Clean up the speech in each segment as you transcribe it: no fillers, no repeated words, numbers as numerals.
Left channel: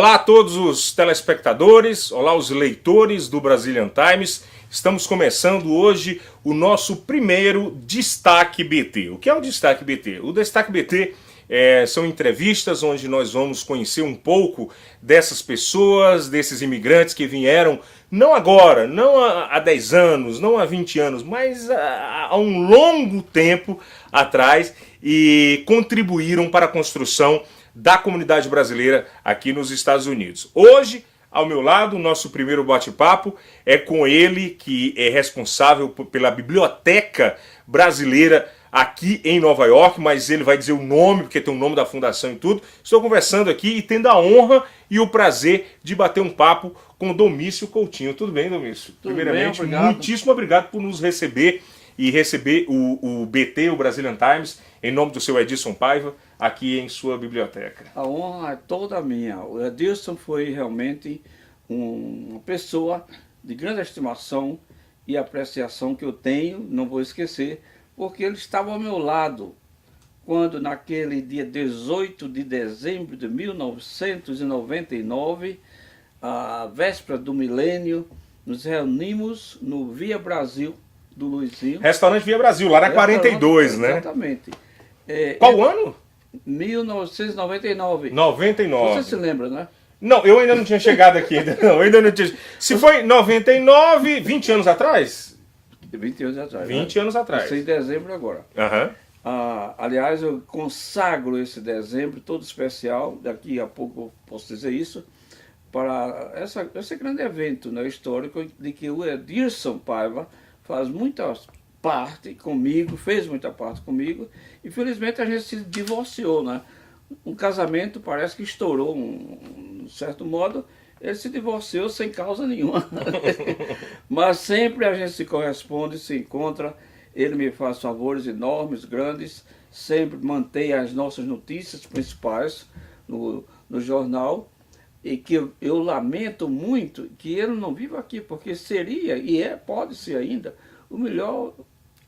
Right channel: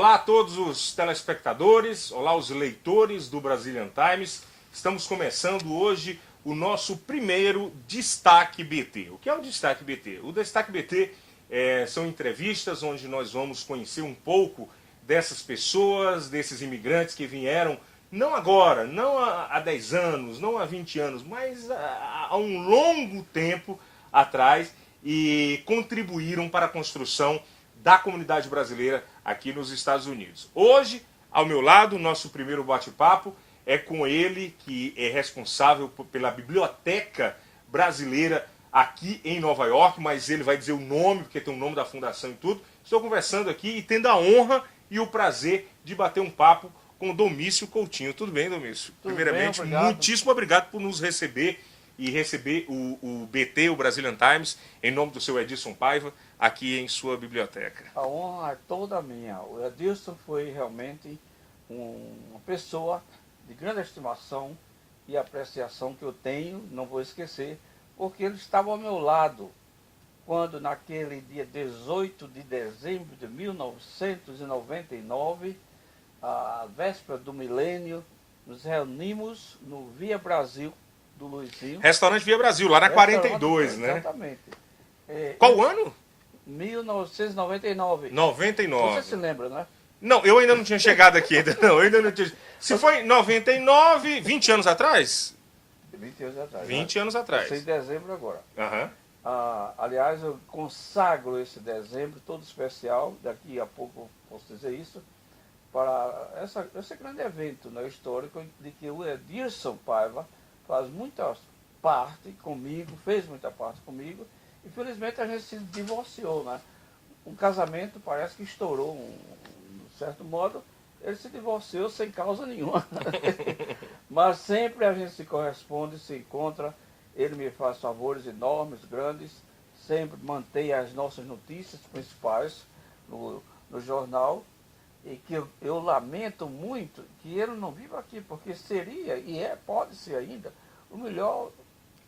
Olá a todos os telespectadores, olá os leitores do Brazilian Times. Estamos começando hoje o nosso primeiro Destaque BT. O que é o Destaque BT? O Destaque BT são entrevistas onde nós vamos conhecer um pouco dessas pessoas, desses imigrantes que vieram não agora, não há 10 anos, não há 20 anos, mas há um longo tempo atrás e contribuíram para a construção da comunidade brasileira aqui nos Estados Unidos. Hoje, ao meu lado, o nosso primeiro bate-papo é com ele, que é responsável pela biblioteca brasileira aqui em Nova York, mas ele vai dizer o nome, porque tem o nome da fundação e tudo. Estou conversando aqui e tendo a honra e o prazer de bater um papo com Domício Coutinho. Tudo bem, Domício? Tudo Primeiramente, bem, obrigado. muitíssimo obrigado por nos receber e receber o BT, o Brazilian Times, em nome do seu Edson Paiva, aqui em sua biblioteca. A honra é toda minha. O Edson foi realmente uma pessoa de grande estimação e apreciação que eu tenho, não vou esquecer, porque ele estava ao meu lado quando naquele dia 18 de dezembro de 1999, a véspera do milênio, nos reunimos no Via Brasil do Luizinho. Restaurante Via Brasil, lá na 42, né? Exatamente. Qual ano? 1999. 99. Você se lembra, né? Não, eu ainda não tinha chegado aqui. Não, eu ainda não tinha. Se foi 99, 20 anos atrás? 20 anos atrás. 20 anos atrás. Isso em dezembro agora. Aham. Aliás, eu consagro esse dezembro todo especial, daqui a pouco eu posso dizer isso, para esse grande evento, né, histórico de que o Edson Paiva faz muita parte comigo, fez muita parte comigo. Infelizmente a gente se divorciou, né? Um casamento parece que estourou, um certo modo, ele se divorciou sem causa nenhuma. Mas sempre a gente se corresponde, se encontra, ele me faz favores enormes, grandes, sempre mantém as nossas notícias principais no jornal, e que eu lamento muito que ele não viva aqui, porque seria, pode ser ainda, o melhor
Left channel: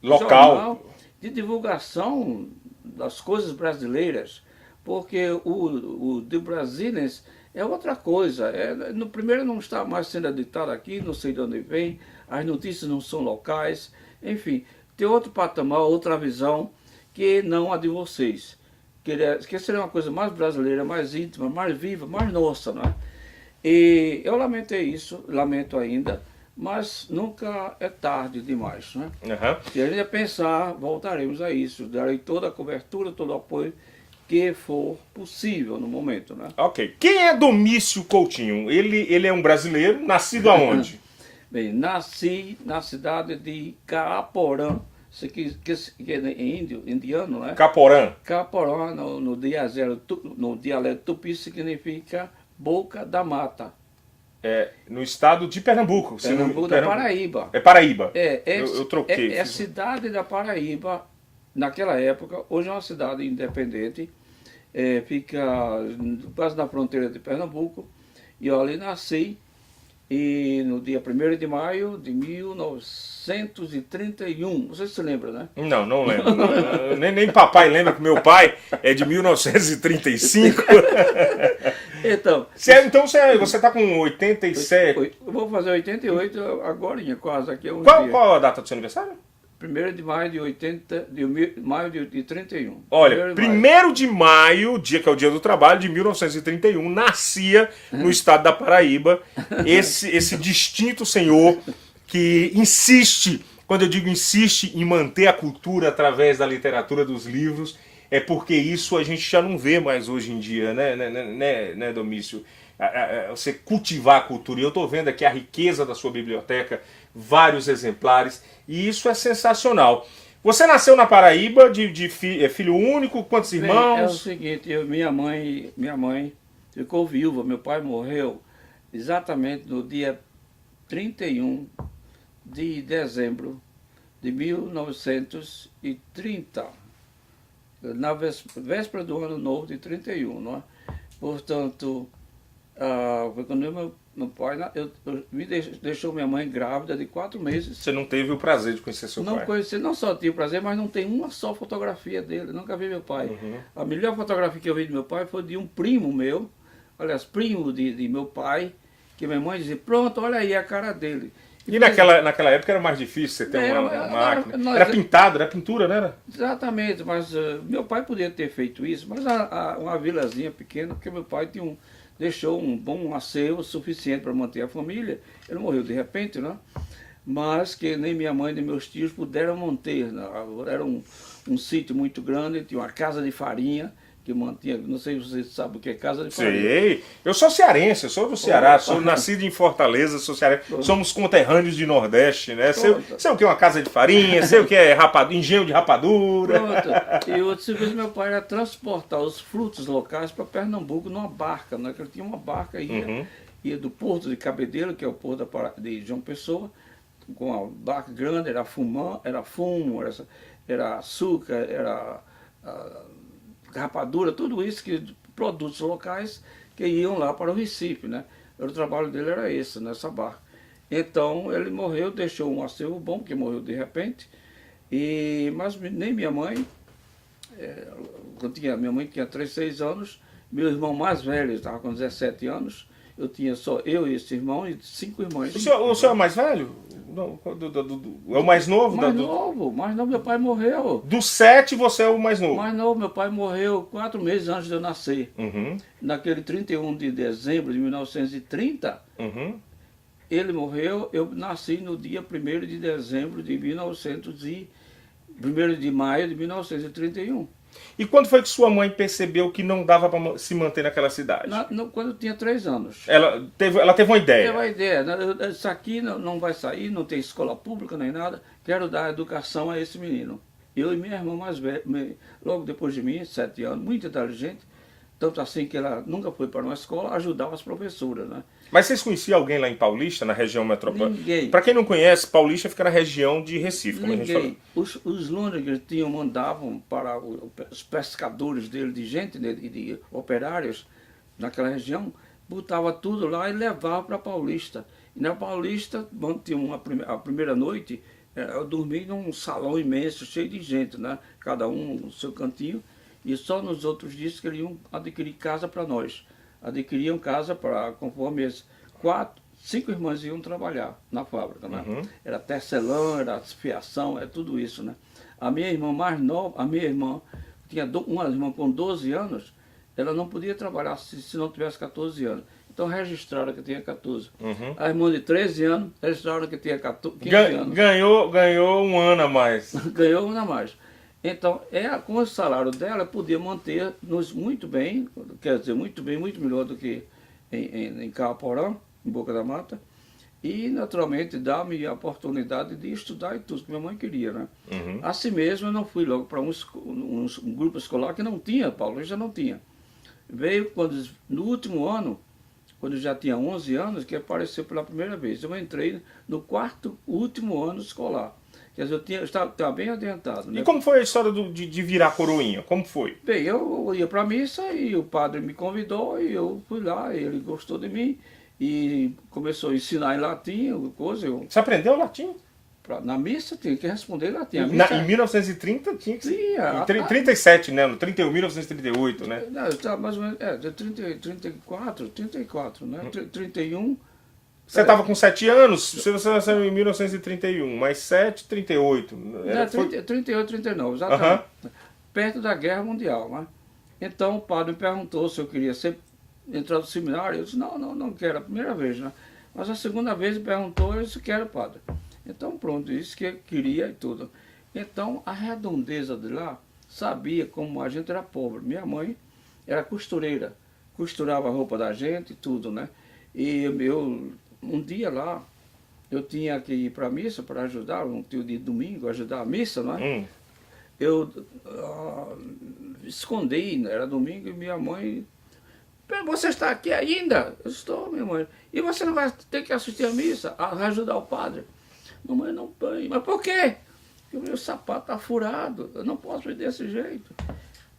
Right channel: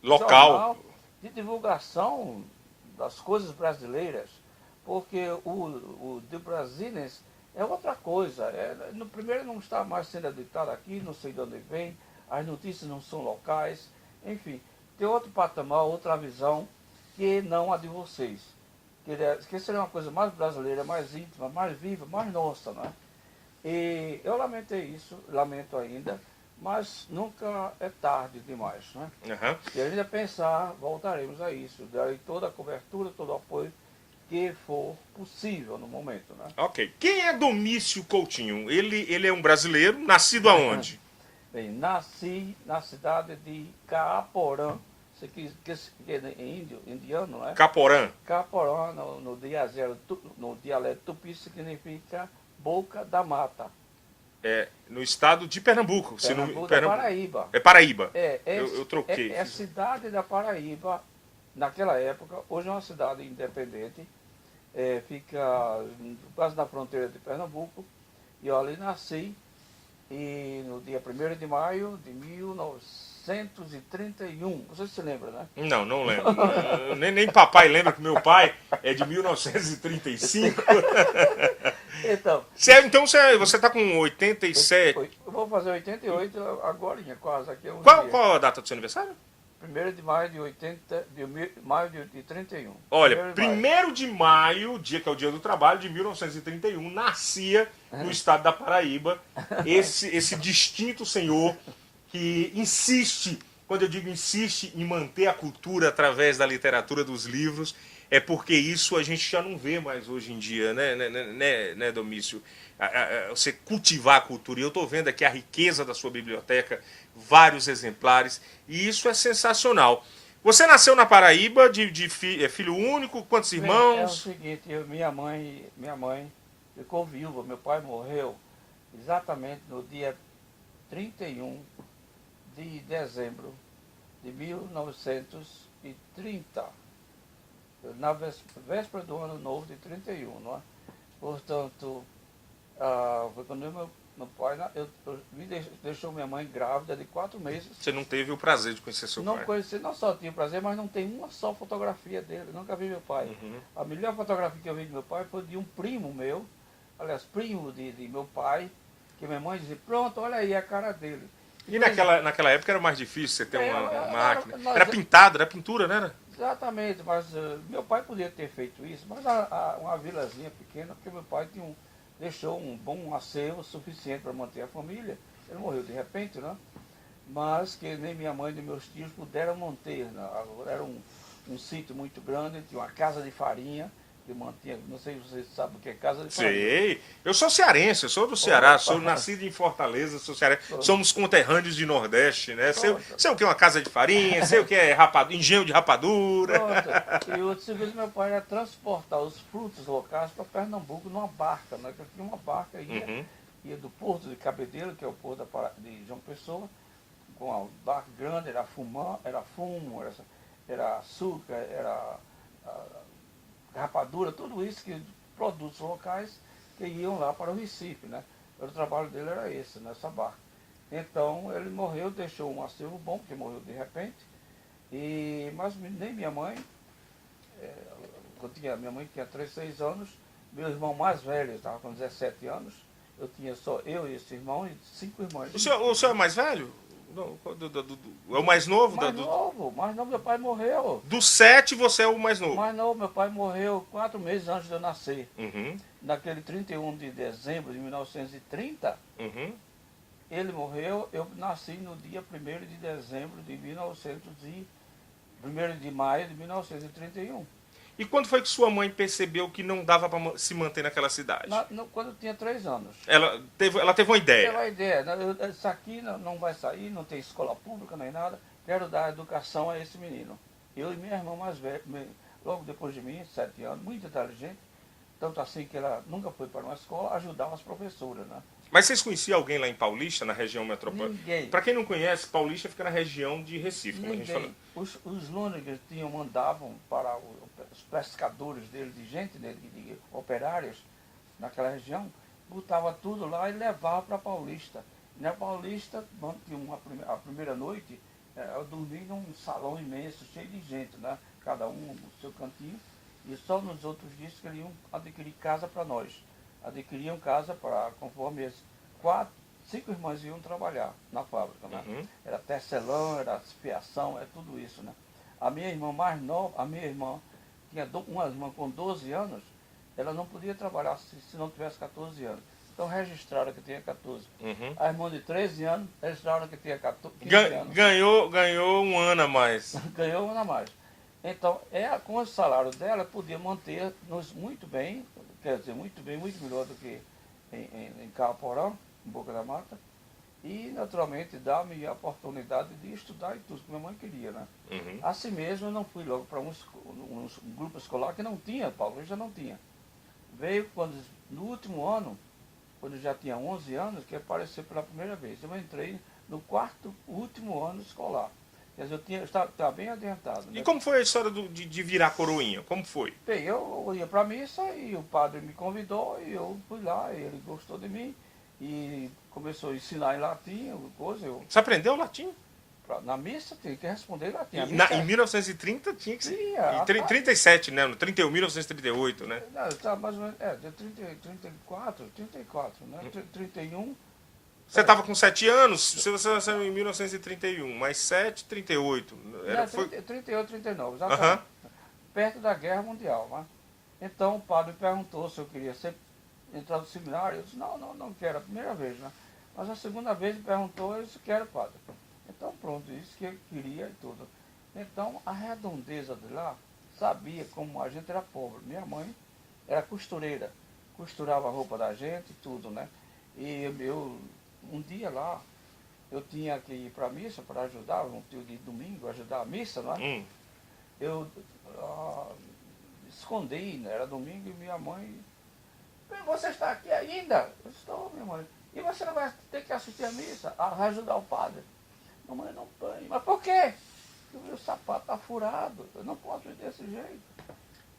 Local jornal de divulgação das coisas brasileiras, porque o The Brazilians é outra coisa. No primeiro não está mais sendo editado aqui, não sei de onde vem, as notícias não são locais, enfim, tem outro patamar, outra visão que não a de vocês. Que seria uma coisa mais brasileira, mais íntima, mais viva, mais nossa, não é? E eu lamentei isso, lamento ainda, mas nunca é tarde demais, né? Uhum. Se a gente pensar, voltaremos a isso, darei toda a cobertura, todo o apoio que for possível no momento, né? Ok. Quem é Domício Coutinho? Ele é um brasileiro, nascido aonde? Bem, nasci na cidade de Caaporã, que é indiano, né? Caporã. Caporã, no dialeto tupi, significa boca da mata. No estado de Pernambuco. Pernambuco da Paraíba. É Paraíba. Eu troquei. É a cidade da Paraíba, naquela época, hoje é uma cidade independente, fica quase na fronteira de Pernambuco, e eu ali nasci, e no dia 1º de maio de 1931, você se lembra, né? Não lembro. nem papai lembra que meu pai é de 1935. Então Você está com 87. eu vou fazer 88 agora, quase aqui. Qual a data do seu aniversário? 1º de maio de 31. Olha, 1º de maio, dia que é o dia do trabalho, de 1931, nascia no estado da Paraíba esse distinto senhor que insiste, quando eu digo insiste em manter a cultura através da literatura, dos livros, é porque isso a gente já não vê mais hoje em dia, né, Domício? Você cultivar a cultura. E eu estou vendo aqui a riqueza da sua biblioteca, vários exemplares, e isso é sensacional. Você nasceu na Paraíba, filho único, quantos irmãos? É o seguinte, minha mãe ficou viúva, meu pai morreu exatamente no dia 31 de dezembro de 1930, na véspera do ano novo de 31, não é? Portanto, foi quando meu pai deixou minha mãe grávida de 4 meses. Você não teve o prazer de conhecer seu pai? Não conheci, não só tive prazer, mas não tem uma só fotografia dele, nunca vi meu pai. Uhum. A melhor fotografia que eu vi de meu pai foi de um primo meu, aliás, primo de meu pai, que minha mãe dizia, pronto, olha aí a cara dele. E naquela época era mais difícil você ter uma máquina. Era pintado, era pintura, né? Exatamente, mas meu pai podia ter feito isso, mas uma vilazinha pequena, porque meu pai deixou um bom acervo suficiente para manter a família. Ele morreu de repente, né? Mas que nem minha mãe nem meus tios puderam manter. Né? Era um sítio muito grande, tinha uma casa de farinha, que mantinha, não sei se você sabe o que é casa de farinha. Sei, eu sou cearense, eu sou do Ceará, sou nascido em Fortaleza, sou cearense, somos conterrâneos de Nordeste, né? Sei o que é uma casa de farinha, sei o que é engenho de rapadura. Pronto. E outro serviço meu pai era transportar os frutos locais para Pernambuco numa barca, né? Que ele tinha uma barca, ia do porto de Cabedelo, que é o porto de João Pessoa, com a barca grande, era fumo, era açúcar, era rapadura, tudo isso, produtos locais que iam lá para o Recife, né? O trabalho dele era esse, nessa barca. Então ele morreu, deixou um acervo bom, que morreu de repente, mas nem minha mãe, minha mãe tinha 6 anos, meu irmão mais velho estava com 17 anos, eu tinha só eu e esse irmão e 5 irmãs. O senhor é mais velho? É o mais novo? Mais novo, meu pai morreu. Dos 7 você é o mais novo? Mais novo, meu pai morreu 4 meses antes de eu nascer. Uhum. Naquele 31 de dezembro de 1930, ele morreu, eu nasci no dia 1º de dezembro de 1º de maio de 1931. E quando foi que sua mãe percebeu que não dava para se manter naquela cidade? Quando eu tinha 3 anos. Ela teve uma ideia? Teve uma ideia. Isso aqui não vai sair, não tem escola pública nem nada. Quero dar educação a esse menino. Eu e minha irmã mais velha, logo depois de mim, 7 anos, muito inteligente. Tanto assim que ela nunca foi para uma escola, ajudava as professoras, né? Mas vocês conheciam alguém lá em Paulista, na região metropolitana? Ninguém. Para quem não conhece, Paulista fica na região de Recife, como a gente falou. Os Londres mandavam para os pescadores dele, de gente, de operários naquela região, botava tudo lá e levava para Paulista. E na Paulista, tinha a primeira noite, eu dormi num salão imenso, cheio de gente, né? Cada um no seu cantinho, e só nos outros dias queriam adquirir casa para nós. Adquiriam casa conforme as 5 irmãs iam trabalhar na fábrica, né? Era tecelã, era fiação, tudo isso, né? A minha irmã mais nova, tinha uma irmã com 12 anos, ela não podia trabalhar se não tivesse 14 anos. Então registraram que tinha 14. A irmã de 13 anos registraram que tinha 15 anos. Ganhou um ano a mais. Ganhou um ano a mais. Então, com o salário dela, podia manter-nos muito bem, quer dizer, muito bem, muito melhor do que em Caporã, em Boca da Mata, e, naturalmente, dar-me a oportunidade de estudar e tudo que minha mãe queria, né? Assim mesmo, eu não fui logo para um grupo escolar que não tinha, Paulista não tinha. Veio no último ano, quando eu já tinha 11 anos, que apareceu pela primeira vez. Eu entrei no último ano escolar. Quer dizer, eu estava bem adiantado. Né? E como foi a história de virar coroinha? Como foi? Bem, eu ia para a missa e o padre me convidou e eu fui lá, e ele gostou de mim e começou a ensinar em latim, coisa. Você aprendeu latim? Na missa tinha que responder em latim. Em 1930 tinha que ser. Em 37, né? No 1938, né? Não, estava mais ou menos, 34, né? 31. Você estava com 7 anos, você nasceu em 1931, mais 7, 38. 38, 39, exatamente. Perto da Guerra Mundial. Né? Então o padre me perguntou se eu queria entrar no seminário. Eu disse, não quero, a primeira vez. Né? Mas a segunda vez ele perguntou, eu disse, quero, padre. Então pronto, isso que eu queria e tudo. Então a redondeza de lá sabia como a gente era pobre. Minha mãe era costureira, costurava a roupa da gente e tudo, né? E um dia lá, eu tinha que ir para a missa para ajudar, um dia de domingo, ajudar a missa, não é? Eu escondi, né? Era domingo, e minha mãe, você está aqui ainda? Eu estou, minha mãe. E você não vai ter que assistir a missa, vai ajudar o padre? Mamãe, não põe. Mas por quê? Porque o meu sapato está furado, eu não posso ir desse jeito.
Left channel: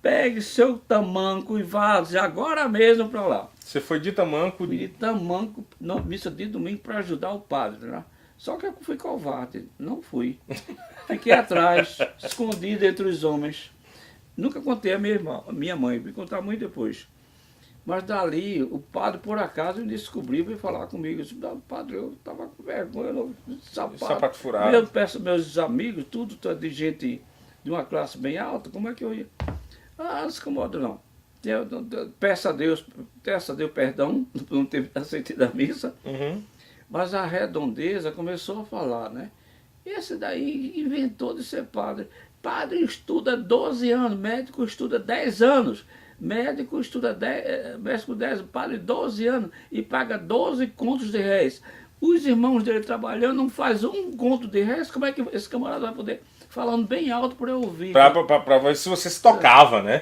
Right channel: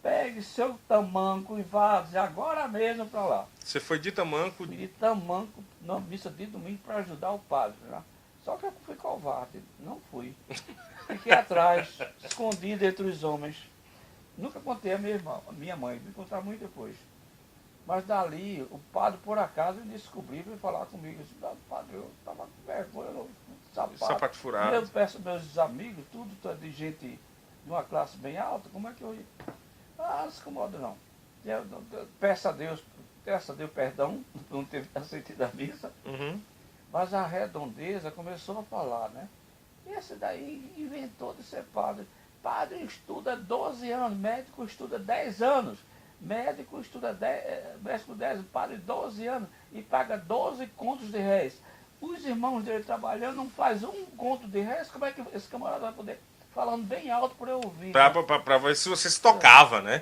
Pegue seu tamanco e vá agora mesmo para lá. Você foi de tamanco? Fui de tamanco, na missa de domingo, para ajudar o padre. Né? Só que eu fui covarde, não fui. Fiquei atrás, escondido entre os homens. Nunca contei a minha mãe, me contar muito depois. Mas dali, o padre, por acaso, ele descobriu e veio falar comigo. Eu disse, "Não, padre, eu estava com vergonha, eu não Sapato furado. Eu peço meus amigos, tudo de gente de uma classe bem alta, como é que eu ia? Ah, não se incomoda não. Peça a Deus perdão, não ter aceitado a missa. Uhum. Mas a redondeza começou a falar, né? Esse daí inventou de ser padre. Padre estuda 12 anos, médico estuda 10 anos. Médico estuda 10, médico 10, padre 12 anos e paga 12 contos de réis. Os irmãos dele trabalhando não faz um conto de réis, como é que esse camarada vai poder? Falando bem alto para eu ouvir. Pra ver se você se tocava, né?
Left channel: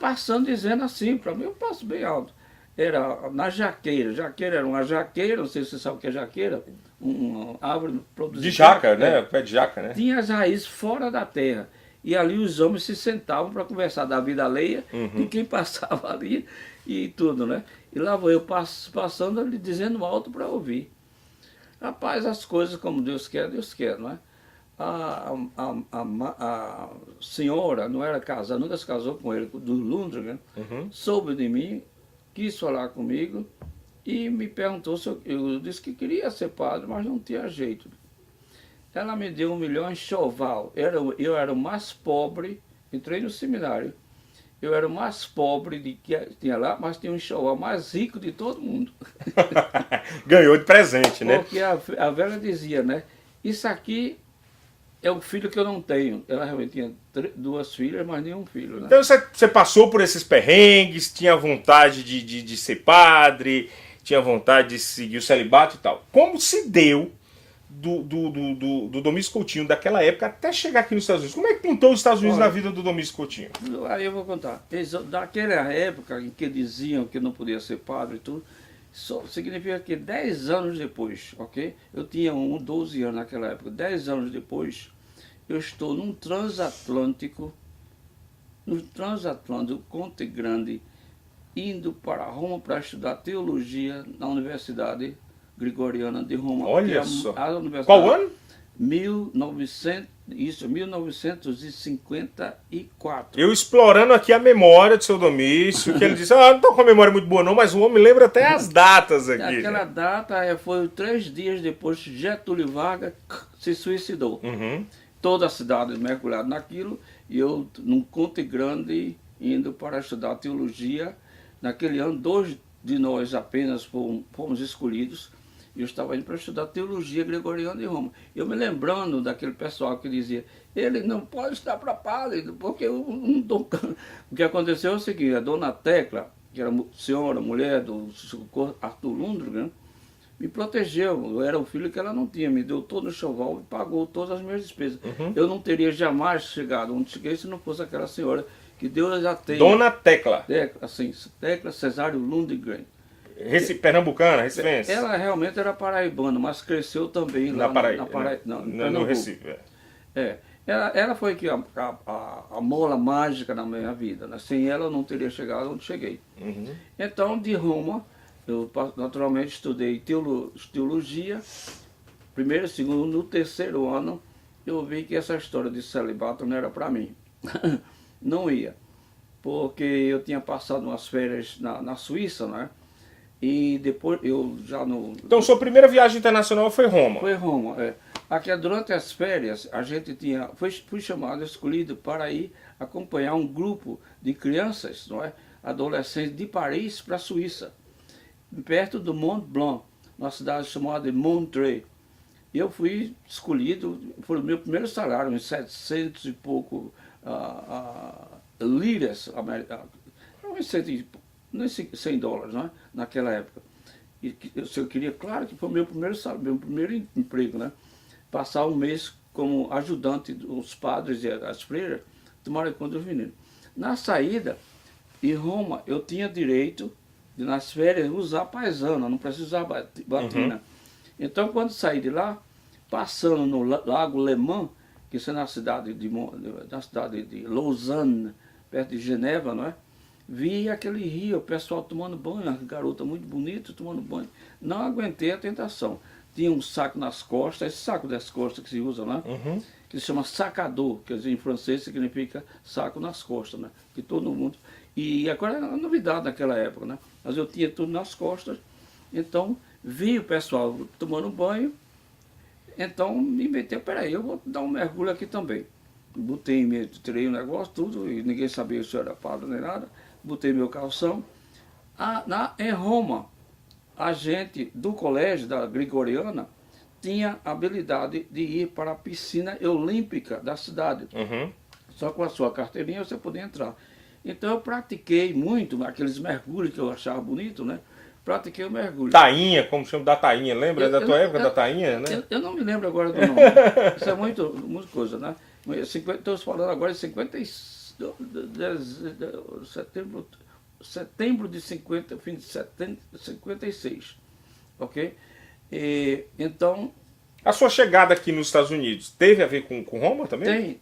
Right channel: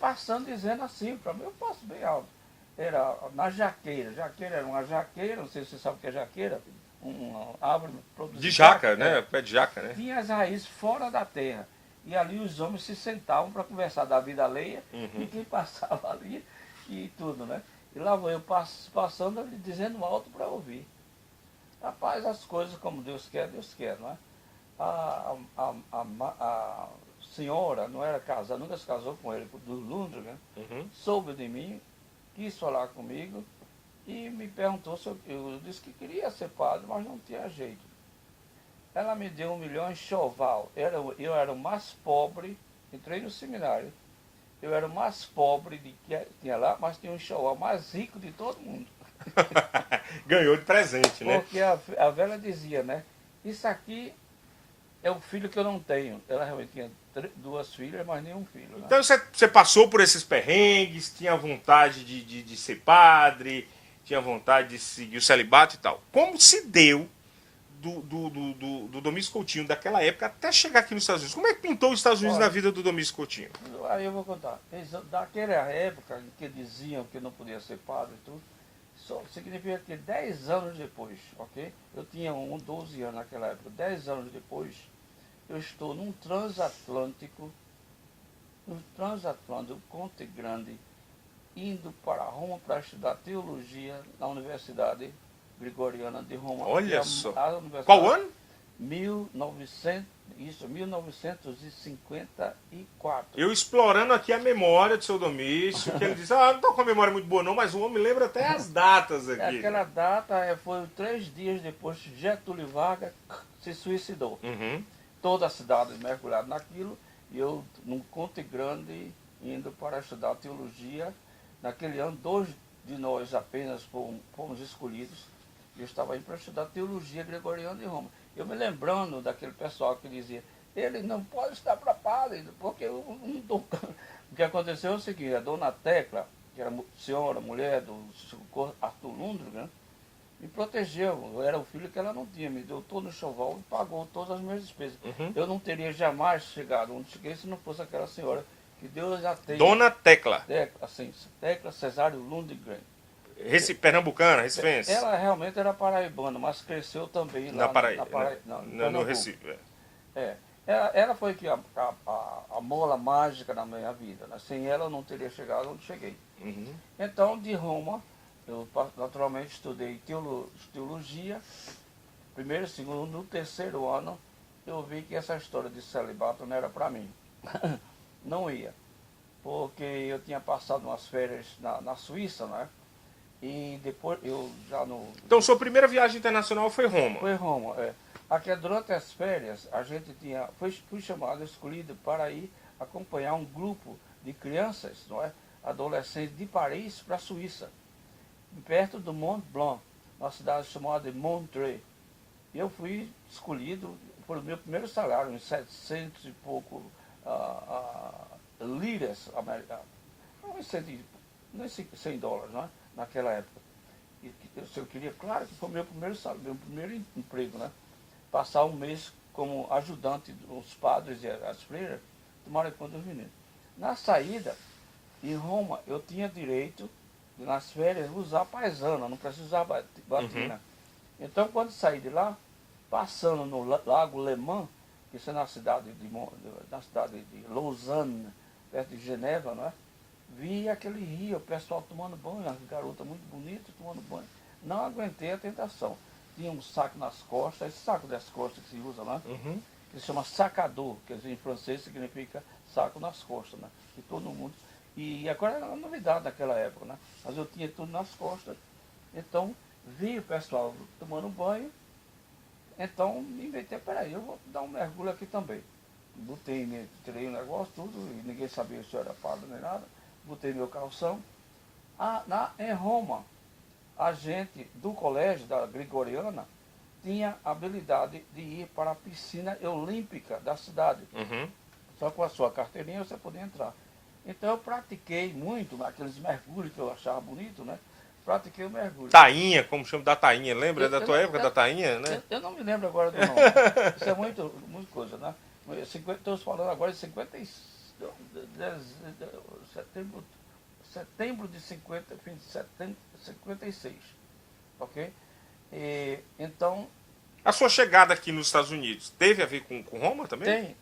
Passando dizendo assim, para mim eu passo bem alto. Era na jaqueira. Jaqueira era uma jaqueira, não sei se você sabe o que é jaqueira. Uma árvore produzida. De jaca, né? Pé de jaca, né? Tinha as raízes fora da terra. E ali os homens se sentavam para conversar da vida alheia de quem passava ali e tudo, né? E lá vou eu passando ali dizendo alto para ouvir. Rapaz, as coisas como Deus quer, não é? A senhora não era casada, nunca se casou com ele, do Lundgren, soube de mim, quis falar comigo e me perguntou se eu disse que queria ser padre, mas não tinha jeito. Ela me deu 1 milhão em enxoval. Eu era o mais pobre, entrei no seminário, eu era o mais pobre de que tinha lá, mas tinha um enxoval mais rico de todo mundo. Ganhou de presente, né? Porque a velha dizia, né? Isso aqui é o filho que eu não tenho. Ela realmente tinha 2 filhas, mas nenhum filho. Né? Então você passou por esses perrengues, tinha vontade de ser padre, tinha vontade de seguir o celibato e tal. Como se deu do Domingos Coutinho daquela época até chegar aqui nos Estados Unidos? Como é que pintou os Estados Unidos na vida do Domingos Coutinho? Aí eu vou contar. Daquela época em que diziam que não podia ser padre e tudo, só significa que 10 anos depois, ok? Eu tinha 12 anos naquela época. 10 anos depois, eu estou no transatlântico Conte Grande, indo para Roma para estudar teologia na Universidade Gregoriana de Roma. Olha só. Qual ano? 1954. Eu explorando aqui a memória do seu Domício, que ele disse, não estou com a memória muito boa não, mas o homem lembra até as datas aqui. Aquela data foi 3 dias depois que Getúlio Vargas se suicidou. Toda a cidade mergulhada naquilo, e eu num Conte Grande indo para estudar teologia. Naquele ano, 2 de nós apenas fomos escolhidos. E eu estava indo para estudar teologia gregoriana de Roma. Eu me lembrando daquele pessoal que dizia, ele não pode estar para padre, porque eu não estou... O que aconteceu é o seguinte, a dona Tecla, que era senhora, mulher do Arthur Lundgren, me protegeu. Eu era o filho que ela não tinha, me deu todo o enxoval e pagou todas as minhas despesas. Eu não teria jamais chegado onde cheguei se não fosse aquela senhora, que Deus já tem. Dona Tecla. Tecla Cesário Lundgren. Pernambucana, recifense. Ela realmente era paraibana, mas cresceu também lá na Paraíba, no Recife. Ela foi que a mola mágica na minha vida. Né? Sem ela eu não teria chegado onde cheguei. Então, de Roma, eu naturalmente estudei teologia, primeiro, segundo, no 3º ano, eu vi que essa história de celibato não era para mim. Não ia. Porque eu tinha passado umas férias na Suíça, né? E depois eu já no... Então sua primeira viagem internacional foi Roma? Foi Roma, é. Aqui durante as férias a gente fui chamado, escolhido para ir acompanhar um grupo de crianças, não é? Adolescentes de Paris para a Suíça, perto do Mont Blanc, uma cidade chamada Montreux. E eu fui escolhido, foi o meu primeiro salário, uns 700 e pouco liras americanas, uns 100 dólares, né? Naquela época. E eu queria, claro que foi o meu primeiro salário, meu primeiro emprego, né? Passar um mês como ajudante dos padres e as freiras, tomarem conta dos meninos. Na saída, em Roma, eu tinha direito de, nas férias, usar paisana, não preciso usar batina. Então, quando saí de lá, passando no Lago Le Mans, que isso é na cidade de Lausanne, perto de Genebra, não é? Vi aquele rio, o pessoal tomando banho, uma garota muito bonita tomando banho. Não aguentei a tentação. Tinha um saco nas costas, esse saco das costas que se usa, né? Que se chama sacador, quer dizer, em francês significa saco nas costas, né? Que todo mundo... E agora era uma novidade naquela época, né? mas eu tinha tudo nas costas. Então, vi o pessoal tomando banho, então me inventei, peraí, eu vou dar um mergulho aqui também. Botei, tirei o negócio, tudo, e ninguém sabia se eu era padre nem nada, botei meu calção. Em Roma, a gente do colégio da Gregoriana tinha a habilidade de ir para a piscina olímpica da cidade. Uhum. Só com a sua carteirinha você podia entrar. Então eu pratiquei muito aqueles mergulhos que eu achava bonito, né? Pratiquei o mergulho. Tainha, como chama da tainha, lembra da tua época da tainha, né? Eu não me lembro agora do nome. Isso é muita coisa, né? Estou falando agora de setembro de 50, fim de 56, ok? Então... A sua chegada aqui nos Estados Unidos teve a ver com Roma também?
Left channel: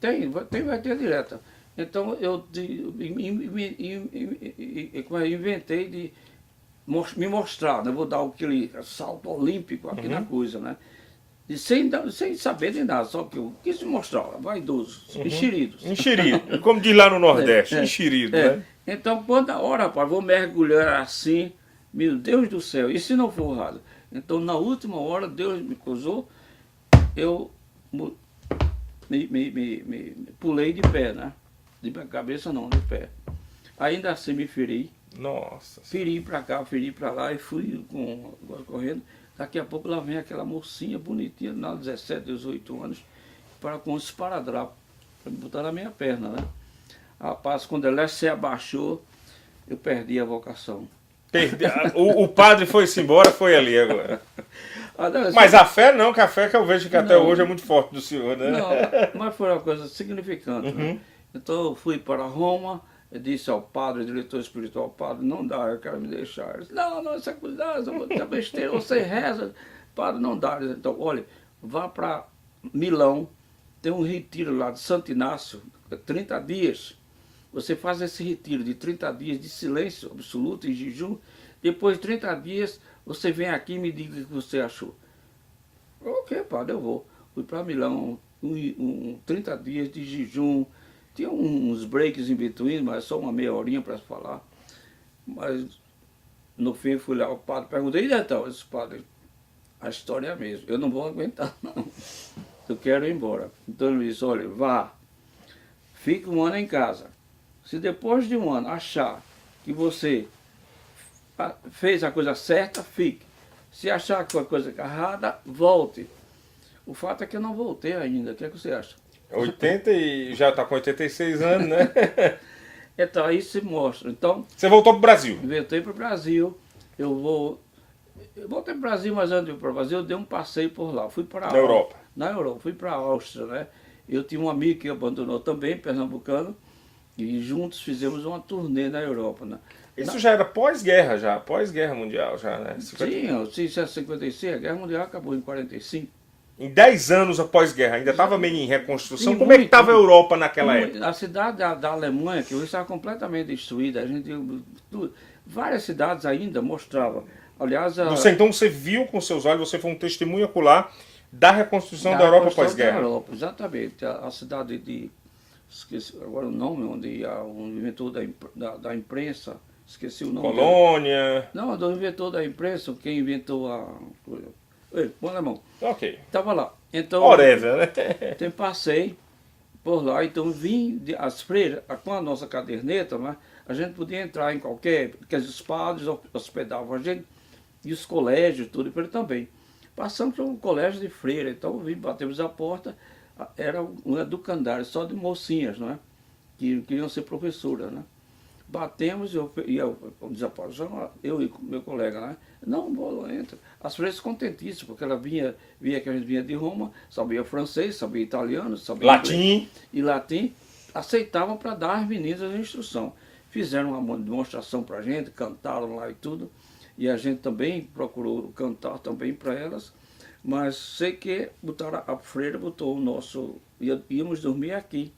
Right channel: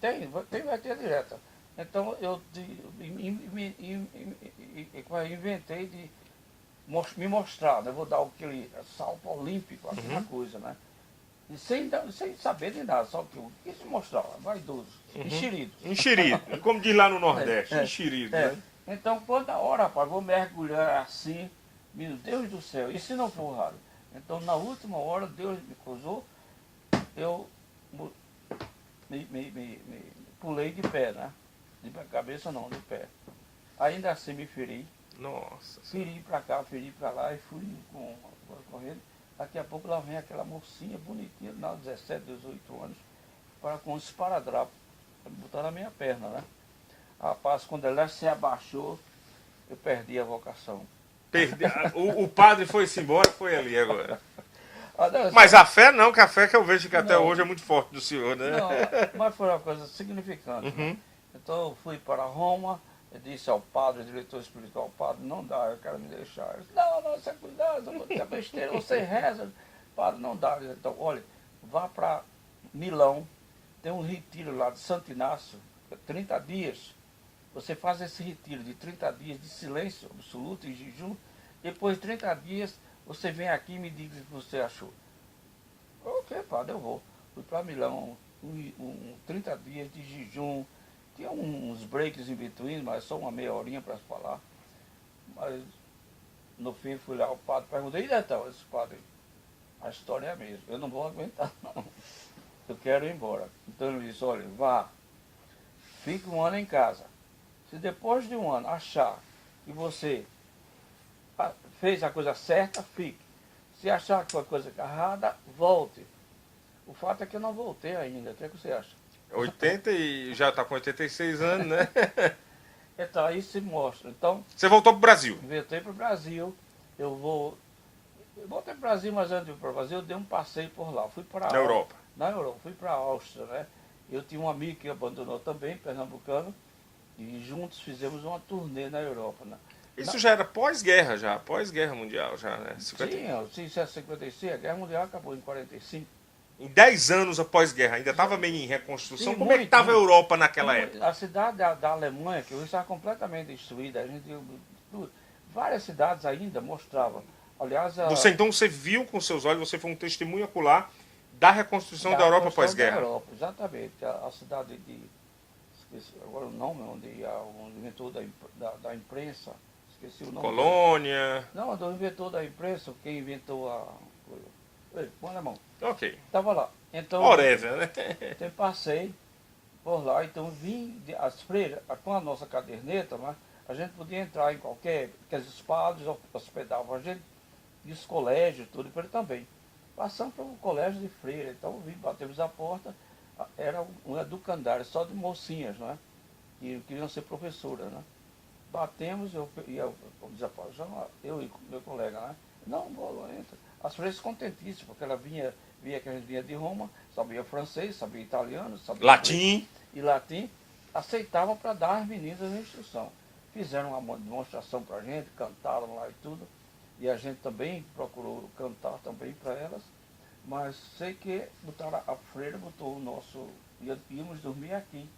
Vai ter direta. Então eu inventei de me mostrar, né? Vou dar aquele salto olímpico aqui na coisa, né? E sem saber de nada, só que eu quis mostrar, vaidoso, enxeridos. Enxerido, como diz lá no Nordeste, enxerido, né? Então, quando a hora, rapaz, vou mergulhar assim, meu Deus do céu, e se não for raro? Então, na última hora, Deus me causou, eu me pulei de pé, né? De cabeça não, de pé. Ainda assim me feri. Nossa. Feri pra cá, feri pra lá e fui correndo. Daqui a pouco lá vem aquela mocinha bonitinha, de 17, 18 anos, com os esparadrapos, para botar na minha perna, né? Rapaz, quando ela se abaixou, eu perdi a vocação. O padre foi-se embora, foi ali agora. Não, mas a fé não, que a fé que eu vejo que até hoje é muito forte do senhor, né? Não, mas foi uma coisa significante, né? Então eu fui para Roma, eu disse ao padre, diretor espiritual, padre, não dá, eu quero me deixar. Ele disse, não, isso é cuidado, é besteira, você reza, padre, não dá. Então, olha, vá para Milão, tem um retiro lá de Santo Inácio, 30 dias. Você faz esse retiro de 30 dias de silêncio absoluto e jejum, depois de 30 dias você vem aqui e me diga o que você achou. Ok, padre, eu vou. Fui para Milão, 30 dias de jejum, tinha uns breaks em between, mas só uma meia horinha para falar. Mas no fim fui lá, o padre perguntei, e então, esse padre, a história é a mesma, eu não vou aguentar não, eu quero ir embora. Então ele disse, olha, vá, fique um ano em casa. Se depois de um ano achar que você fez a coisa certa, fique. Se achar que foi a coisa errada, volte. O fato é que eu não voltei ainda, o que é que você acha? 80 e já está com 86 anos, né? Então aí se mostra. Então, você voltou para o Brasil? Voltei para o Brasil. Eu voltei para o Brasil, mas antes de ir para o Brasil, eu dei um passeio por lá. Fui para na Europa? Na Europa, fui para a Áustria, né? Eu tinha um amigo que abandonou também, pernambucano, e juntos fizemos uma turnê na Europa, né? Isso já era pós-guerra, pós-guerra mundial, já, né? 50... Sim, 56, a Guerra Mundial acabou em 45. Em 10 anos após guerra, ainda estava meio em reconstrução. Sim, como é que estava a Europa naquela época? A cidade da Alemanha, que hoje estava completamente destruída, várias cidades ainda mostravam. Aliás, então você viu com seus olhos, você foi um testemunho ocular da reconstrução da Europa pós-guerra. Exatamente. A cidade de... Esqueci agora o nome, onde o inventor da imprensa, esqueci o nome. Colônia. Não, do inventor da imprensa, quem inventou a... Ei, põe na mão. Ok. Estava lá. Então, Oreza, né? Então passei por lá, então vim, as freiras, com a nossa caderneta, né, a gente podia entrar em qualquer, porque os padres hospedavam a gente, e os colégios, tudo, e ele também. Passamos para um colégio de freira, então vim, batemos a porta, era um educandário, só de mocinhas, né, que queriam ser professoras, né. Batemos, eu e meu colega, né, não, bola, entra. As freiras contentíssimas, porque ela via que a gente vinha de Roma, sabia francês, sabia italiano, sabia latim. E latim, aceitavam para dar às meninas a instrução. Fizeram uma demonstração para a gente, cantaram lá e tudo, e a gente também procurou cantar também para elas, mas sei que a freira botou o nosso, íamos dormir aqui,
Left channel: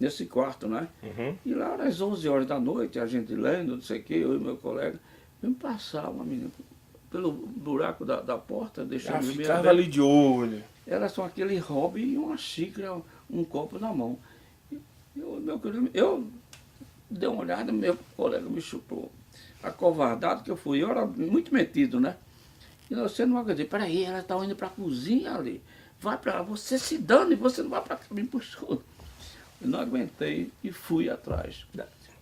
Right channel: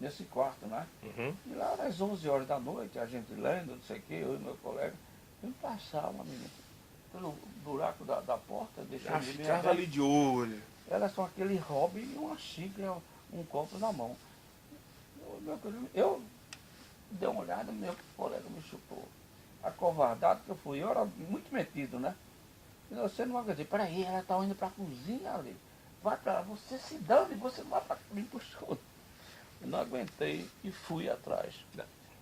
nesse quarto, né? E lá às 11 horas da noite, a gente lendo, não sei o que, eu e meu colega, me passava, menino, pelo buraco da porta, deixando o ficava ali de olho. Elas são aquele hobby e uma xícara, um copo na mão. Eu dei uma olhada, meu colega me chupou. acovardado que eu fui. Eu era muito metido, né? E você não vai dizer, peraí, ela está indo para a cozinha ali. Vai para você se dane, você não vai para cá, me puxou. Eu não aguentei e fui atrás.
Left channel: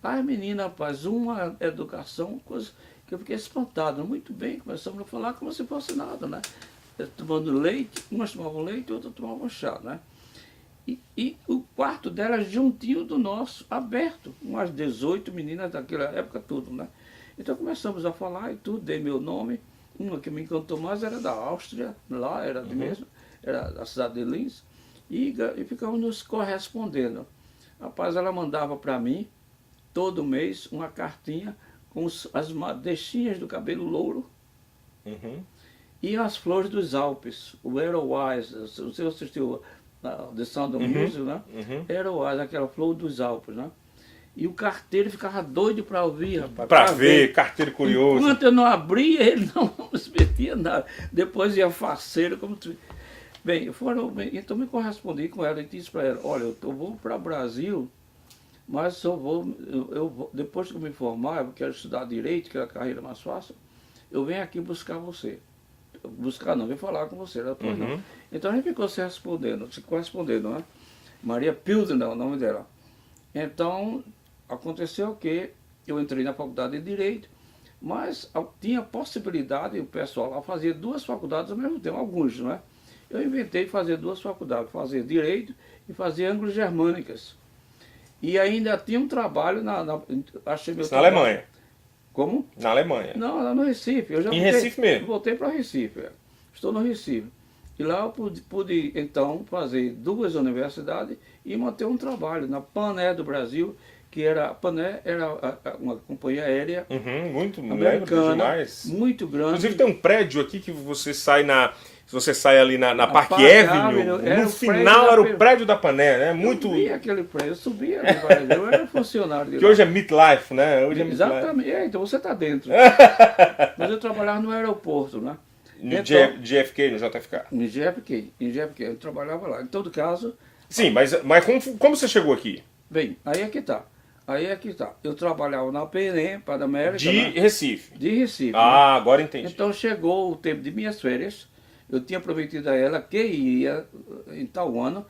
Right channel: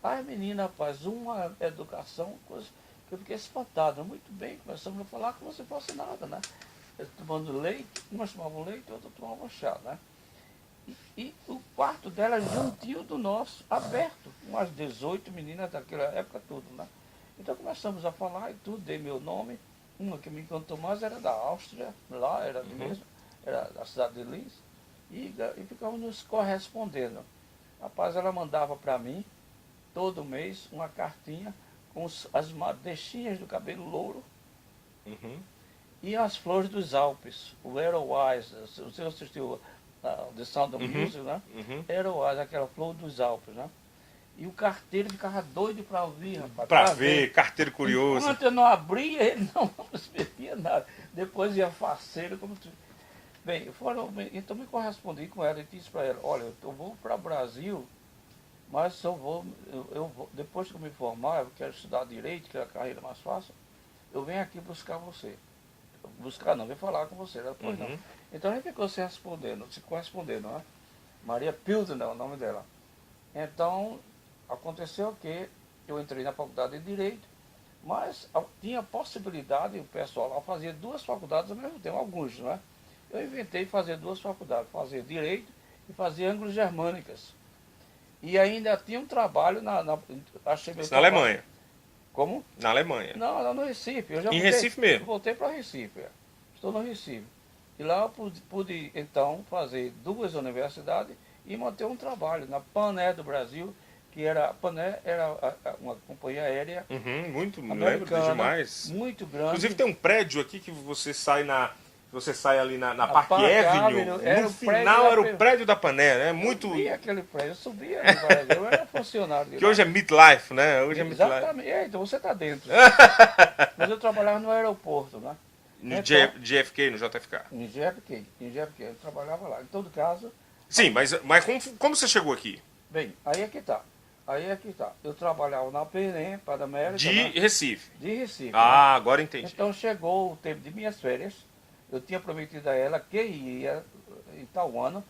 Ai, menina, rapaz, uma educação, coisa que eu fiquei espantado. Muito bem, começamos a falar como se fosse nada, né? Eu tomando leite, umas tomavam leite e outras tomavam chá, né? E o quarto dela juntinho do nosso, aberto. Umas 18 meninas daquela época tudo, né? Então começamos a falar e tudo, dei meu nome. Uma que me encantou mais era da Áustria, lá era mesmo, era da cidade de Linz. E ficamos nos correspondendo. Rapaz, ela mandava para mim, todo mês, uma cartinha com as madeixinhas do cabelo louro e as flores dos Alpes, o Edelweiss. Você assistiu The Sound of Music, né? Edelweiss, aquela flor dos Alpes, né? E o carteiro ficava doido para ouvir, rapaz. Para ver, carteiro curioso. Enquanto eu não abria, ele não se metia nada. Depois ia faceiro, como tu... Bem, então me correspondi com ela e disse para ela, olha, eu vou para o Brasil, mas eu vou, depois que eu me formar, eu quero estudar direito, que é a carreira mais fácil, eu venho aqui buscar você. Buscar não, vem falar com você. Ela, pois não. Então a gente ficou se correspondendo, né? Maria Pilsener é o nome dela. Então, aconteceu que eu entrei na faculdade de Direito, mas tinha possibilidade, o pessoal lá fazia duas faculdades ao mesmo tempo, alguns, não é? Eu inventei fazer duas faculdades, fazer Direito e fazer Anglo-Germânicas. E ainda tinha um trabalho achei meu na trabalho. Alemanha. Como? Na Alemanha. Não, lá no Recife. Eu já Recife mesmo? Voltei para Recife. Estou no Recife. E lá eu pude, então, fazer duas universidades e manter um trabalho na Pané do Brasil, que a Pané era uma companhia aérea muito, americana, lembro demais. muito grande. Inclusive tem um prédio aqui que você sai ali na Park Park Avenue, Avenue, no final era o prédio da Pané, né? Muito... Eu subia aquele prédio, eu subia no Brasil, eu era funcionário de Que lá. hoje é Midlife, né? Hoje é Exatamente, então você está dentro. Mas eu trabalhava no aeroporto, né? No JFK, no JFK. Em JFK, eu trabalhava lá. Em todo caso... Sim, mas como você chegou aqui? Bem, aí é que tá. Eu trabalhava na PNM, para a América. De né? Recife. De Recife. Ah, agora entendi. Então chegou o tempo de minhas férias. Eu tinha prometido a ela que ia em tal ano.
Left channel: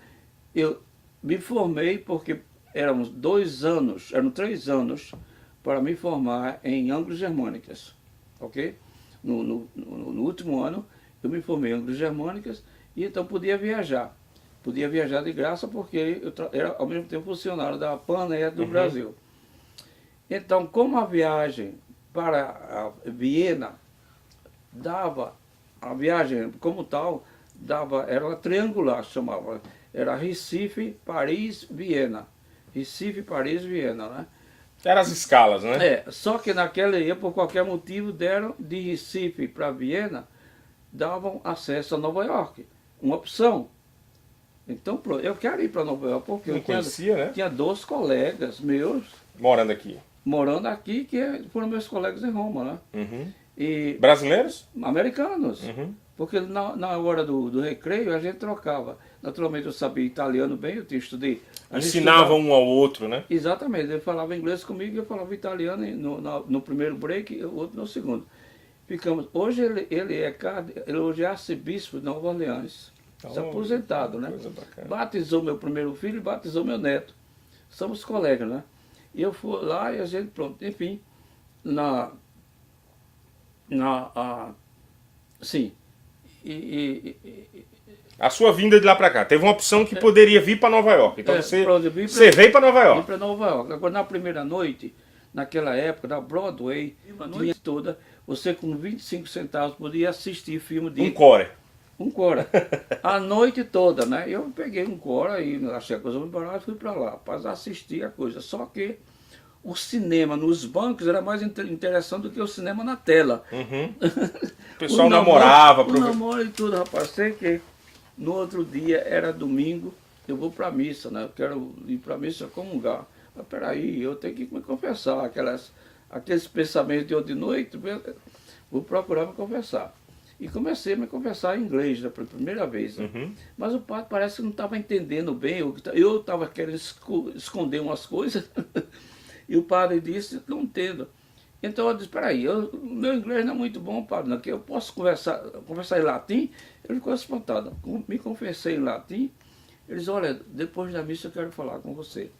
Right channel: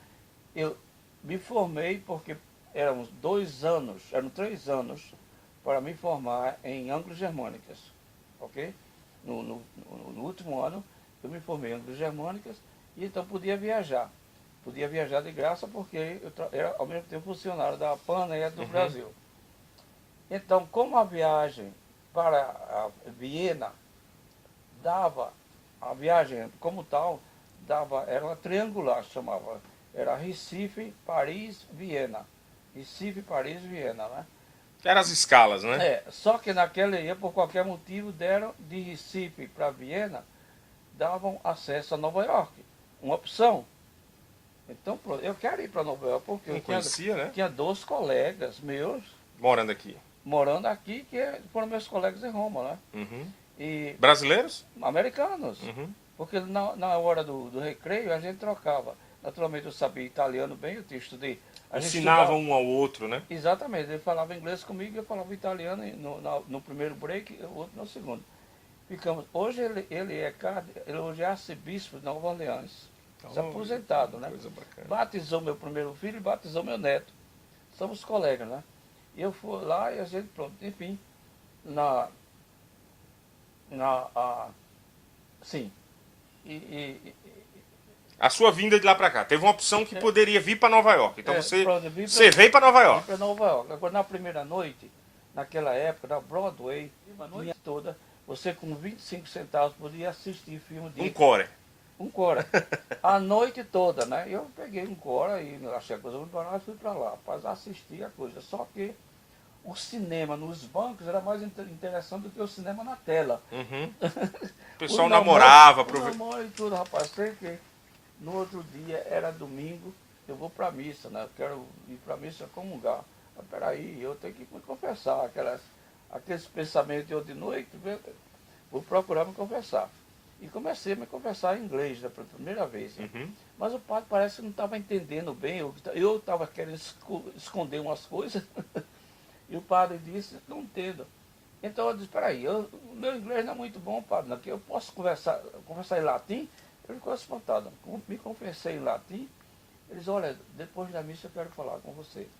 Eu me formei porque eram 3 anos para me formar em Anglo-Germânicas. Ok? No último ano eu me formei em Anglo-Germânicas e então podia viajar. Podia viajar de graça porque eu era ao mesmo tempo funcionário da Pané do Brasil. Então, como a viagem para a Viena dava, a viagem como tal, era uma triangular, chamava. Era Recife, Paris, Viena. Recife, Paris, Viena, né? Eram as escalas, né? Só que naquela época, por qualquer motivo, deram de Recife para Viena, davam acesso a Nova York. Uma opção. Então, eu quero ir para Nova York, porque eu tinha 2 colegas meus morando aqui, que foram meus colegas em Roma, né? E brasileiros? Americanos. Porque na hora do recreio a gente trocava. Naturalmente eu sabia italiano bem, eu estudei. Ensinavam um ao outro, né? Exatamente, ele falava inglês comigo, eu falava italiano no primeiro break e o outro no segundo. Hoje ele hoje é arcebispo de Nova Orleans. Se aposentado, né? Batizou meu primeiro filho e batizou meu neto. Somos colegas, né? E eu fui lá e a gente, pronto, enfim, sim. A sua vinda de lá para cá, teve uma opção que poderia vir para Nova York. Então você veio para Nova York. Vim para Nova York. Agora, na primeira noite, naquela época, na Broadway, a noite toda, você com 25 centavos podia assistir filme de... Um core. A noite toda, né? Eu peguei um Cora e achei a coisa muito barata e fui para lá, para assistir a coisa. Só que o cinema nos bancos era mais interessante do que o cinema na tela. O pessoal namorava. O namoro e tudo, rapaz. Sei que no outro dia, era domingo, eu vou para a missa, né? Eu quero ir para a missa comungar. Mas peraí, eu tenho que me confessar, aqueles pensamentos de hoje de noite, vou procurar me confessar. E comecei a me conversar em inglês, né, pela primeira vez. Né? Mas o padre parece que não estava entendendo bem. Eu estava querendo esconder umas coisas. E o padre disse, não entendo. Então eu disse, peraí, meu inglês não é muito bom, padre, não, que eu posso conversar em latim? Ele ficou espantado. Me confessei em latim. Eles, olha, depois da missa eu quero falar com você.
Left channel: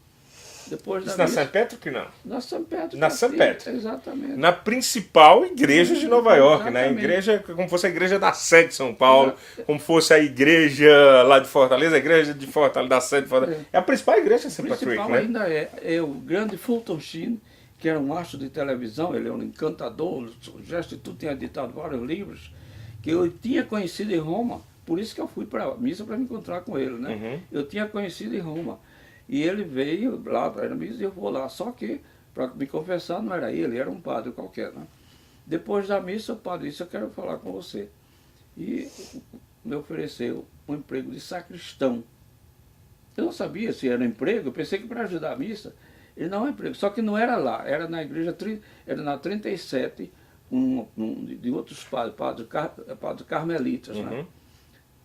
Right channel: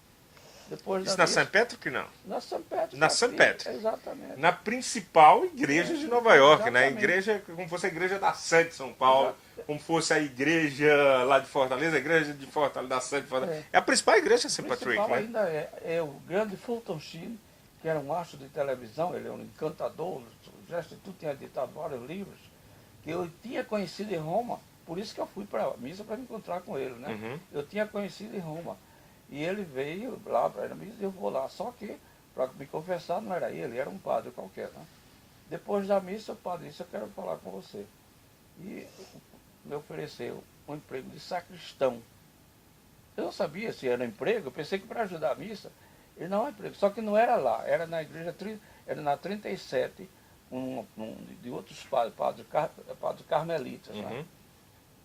Depois Isso da na missa, São Pedro que não? na São Pedro. Na São Pedro. Exatamente. Na principal igreja de Nova York, né? Exatamente. Igreja, como fosse a igreja da Sé de São Paulo, como fosse a igreja lá de Fortaleza, a igreja de Fortaleza, da Sé de Fortaleza. É a principal igreja de St. O Patrick, principal né? ainda é o grande Fulton Sheen, que era um astro de televisão, ele é um encantador, gesto e tudo, tinha editado vários livros, que eu tinha conhecido em Roma, por isso que eu fui para a missa para me encontrar com ele, né? Uhum. Eu tinha conhecido em Roma. E ele veio lá para a missa e eu vou lá. Só que, para me confessar, não era ele, era um padre qualquer, né? Depois da missa, o padre disse, eu quero falar com você. E me ofereceu um emprego de sacristão. Eu não sabia se era emprego, eu pensei que para ajudar a missa, ele não é emprego. Só que não era lá, era na igreja, era na 37, de outros padres carmelitas, Uhum. né?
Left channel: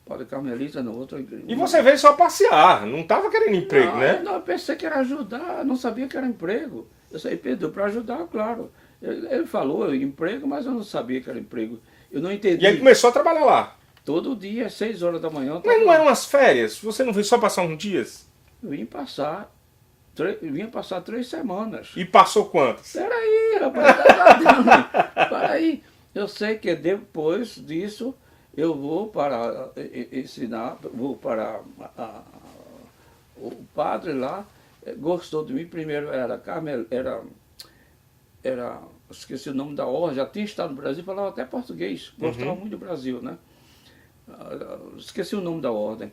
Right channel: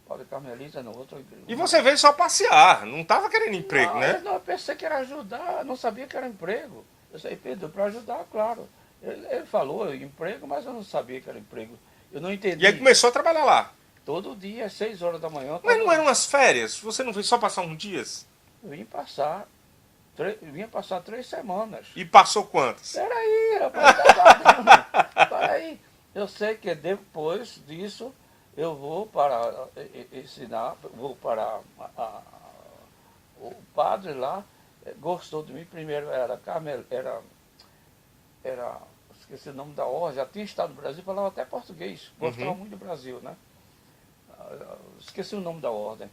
Padre carmelita na outra igreja. E você veio só passear, não estava querendo emprego, Não, né? não, eu pensei que era ajudar, não sabia que era emprego. Eu sei, pediu para ajudar, claro. Ele falou emprego, mas eu não sabia que era emprego. Eu não entendi. E aí começou a trabalhar lá. Todo dia, 6 horas da manhã. Mas não eram umas férias? Você não veio só passar uns dias? Eu vinha passar 3 semanas. E passou quantos? Peraí, rapaz, peraí. Eu sei que depois disso eu vou para ensinar, vou para o padre lá, gostou de mim, primeiro esqueci o nome da ordem, já tinha estado no Brasil, falava até português, gostava muito do Brasil, né? Esqueci o nome da ordem.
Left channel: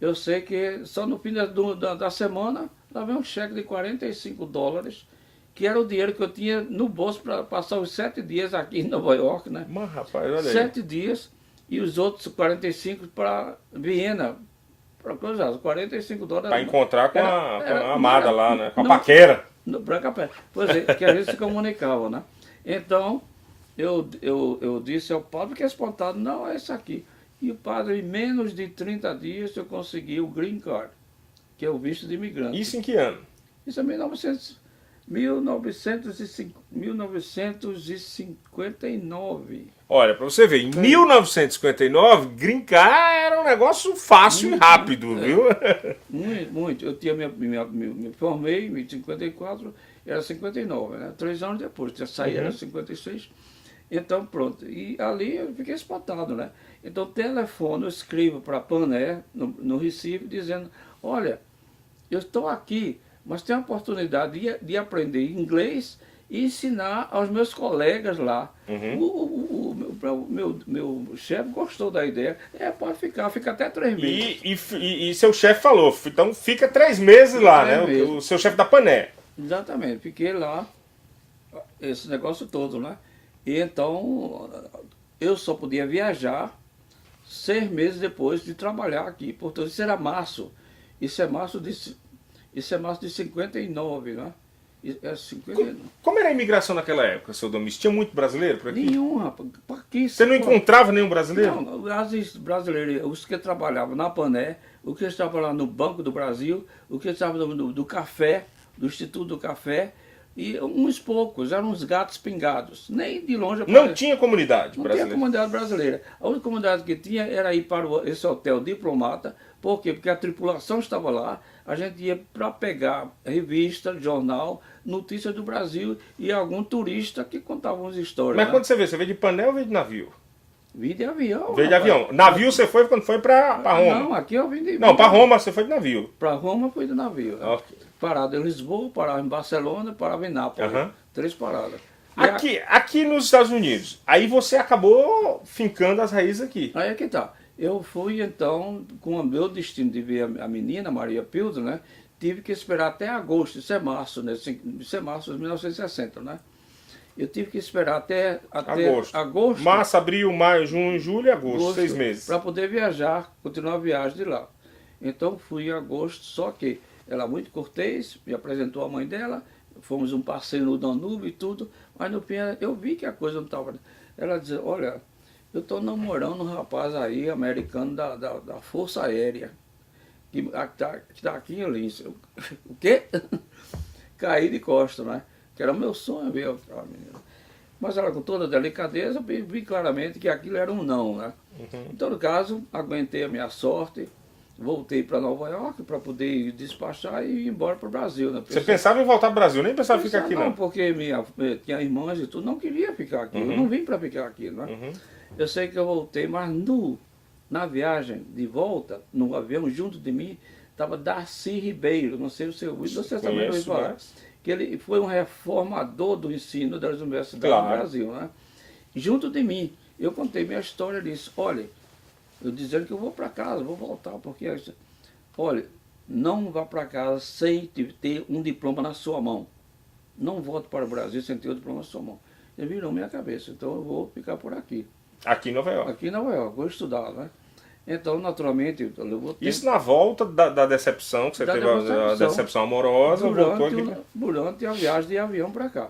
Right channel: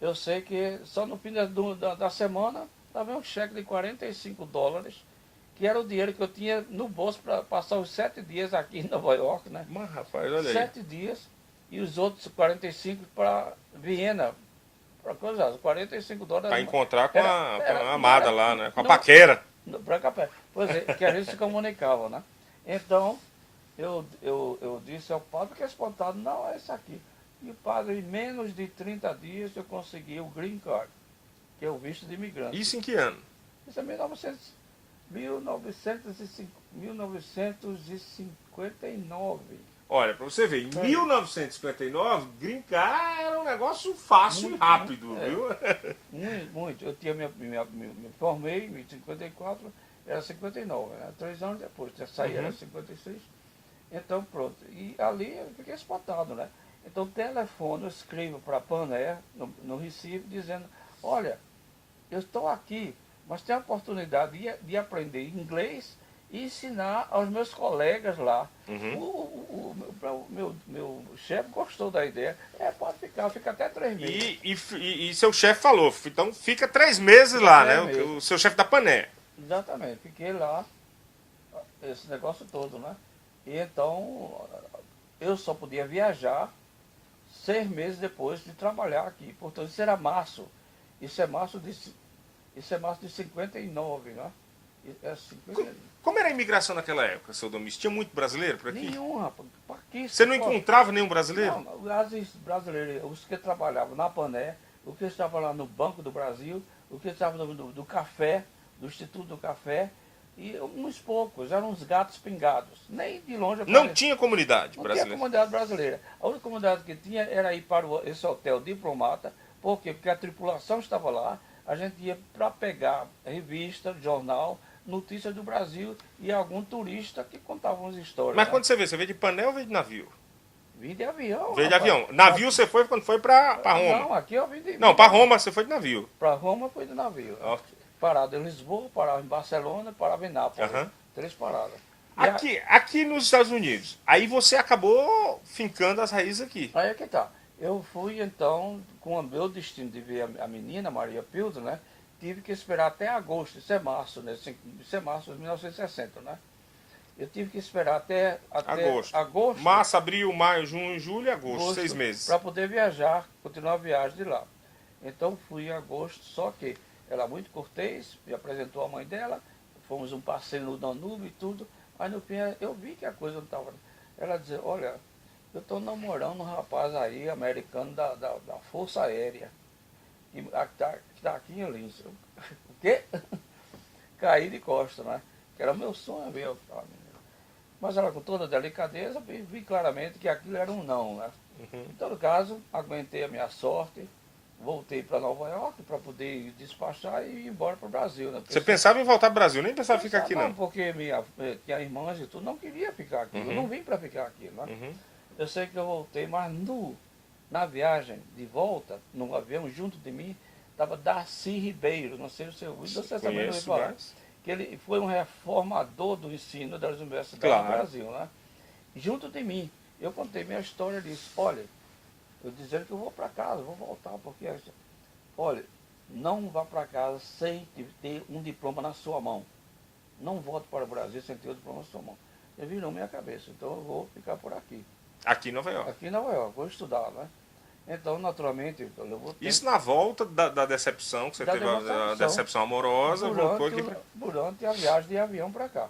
Eu sei que só no fim da semana dava um cheque de $45, que era o dinheiro que eu tinha no bolso para passar os 7 dias aqui em Nova York, né? Mas rapaz, olha aí. 7 dias e os outros 45 para Viena, para cruzar, os $45. Para encontrar com a amada lá, né? Com a não, paquera. Para Capé. Pois é, que a gente se comunicava, né? Então, eu disse ao padre que esse espantado, não, é esse aqui. E o padre, em menos de 30 dias, eu consegui o Green Card, que é o visto de imigrante. Isso em que ano? Isso é 1959. Olha, para você ver, em 1959, Green Card era um negócio fácil e rápido, viu? Muito, muito. Eu tinha me formei em 54, era 59, né? 3 anos depois, já saí, era 56. Então, pronto. E ali eu fiquei espantado, né? Então, telefono, eu escrevo para a Paner, no Recife, dizendo, olha, eu estou aqui, mas tenho a oportunidade de aprender inglês e ensinar aos meus colegas lá. O meu chefe gostou da ideia. Pode ficar, fica até 3 meses. E seu chefe falou, então fica 3 meses lá, né? O seu chefe da Pané. Exatamente, fiquei lá, esse negócio todo, né? E então, eu só podia viajar 6 meses depois de trabalhar aqui. Portanto, isso era março. Isso é março de 59, né? Como era a imigração naquela época, seu Domingos? Tinha muito brasileiro por aqui? Nenhum, rapaz. Você não encontrava nenhum brasileiro? Não, os brasileiros, os que trabalhavam na Pané, os que trabalhavam no Banco do Brasil, os que trabalhavam do café, do Instituto do Café, e uns poucos, eram uns gatos pingados. Nem de longe. Não tinha comunidade brasileira? Não tinha comunidade brasileira. A única comunidade que tinha era ir para esse hotel Diplomata. Por quê? Porque a tripulação estava lá, a gente ia para pegar revista, jornal, notícias do Brasil e algum turista que contava umas histórias. Mas né? quando você veio de Pané ou veio de navio? Vim de avião. Veio de rapaz. avião. Navio você foi quando foi para Roma? Não, aqui eu vim de Não, para Roma você foi de navio. Para Roma fui de navio. Ok. Parada em Lisboa, parava em Barcelona, parava em Nápoles. Aham. 3 paradas. Aqui nos Estados Unidos, aí você acabou fincando as raízes aqui. Aí é que tá. Eu fui então, com o meu destino de ver a menina, Maria Pildo, né? Tive que esperar até agosto, isso é março, né? Isso é março de 1960, né? Eu tive que esperar até agosto. Março, abril, maio, junho, julho e agosto, 6 meses. Para poder viajar, continuar a viagem de lá. Então fui em agosto, só que ela muito cortês, me apresentou a mãe dela, fomos um passeio no Danúbio e tudo, mas no fim eu vi que a coisa não estava. Ela dizia, olha, eu estou namorando um rapaz aí, americano da Força Aérea, que está aqui em Lins. O quê? Caí de costas, né? Que era o meu sonho ver a menina. Mas ela, com toda delicadeza, vi claramente que aquilo era um não, né? Em todo caso, aguentei a minha sorte, voltei para Nova York para poder despachar e ir embora para o Brasil. Né? Você pensava em voltar para o Brasil, nem pensava em ficar aqui não? Porque tinha irmãs e tudo, não queria ficar aqui. Eu não vim para ficar aqui, né? Eu sei que eu voltei, mas na viagem de volta, no avião, junto de mim, estava Darcy Ribeiro, não sei se você ouviu, você também ouviu falar. Que ele foi um reformador do ensino das universidades do Brasil, né? Junto de mim, eu contei minha história disso. Olha, eu dizendo que eu vou para casa, vou voltar, porque, olha, não vá para casa sem ter um diploma na sua mão. Não volte para o Brasil sem ter o diploma na sua mão. Ele virou minha cabeça, então eu vou ficar por aqui. Aqui em Nova York? Aqui em Nova York, vou estudar, né? Então, naturalmente, eu vou ter... Isso na volta da decepção, que você teve a decepção amorosa, voltou aqui... Durante a viagem de avião para cá.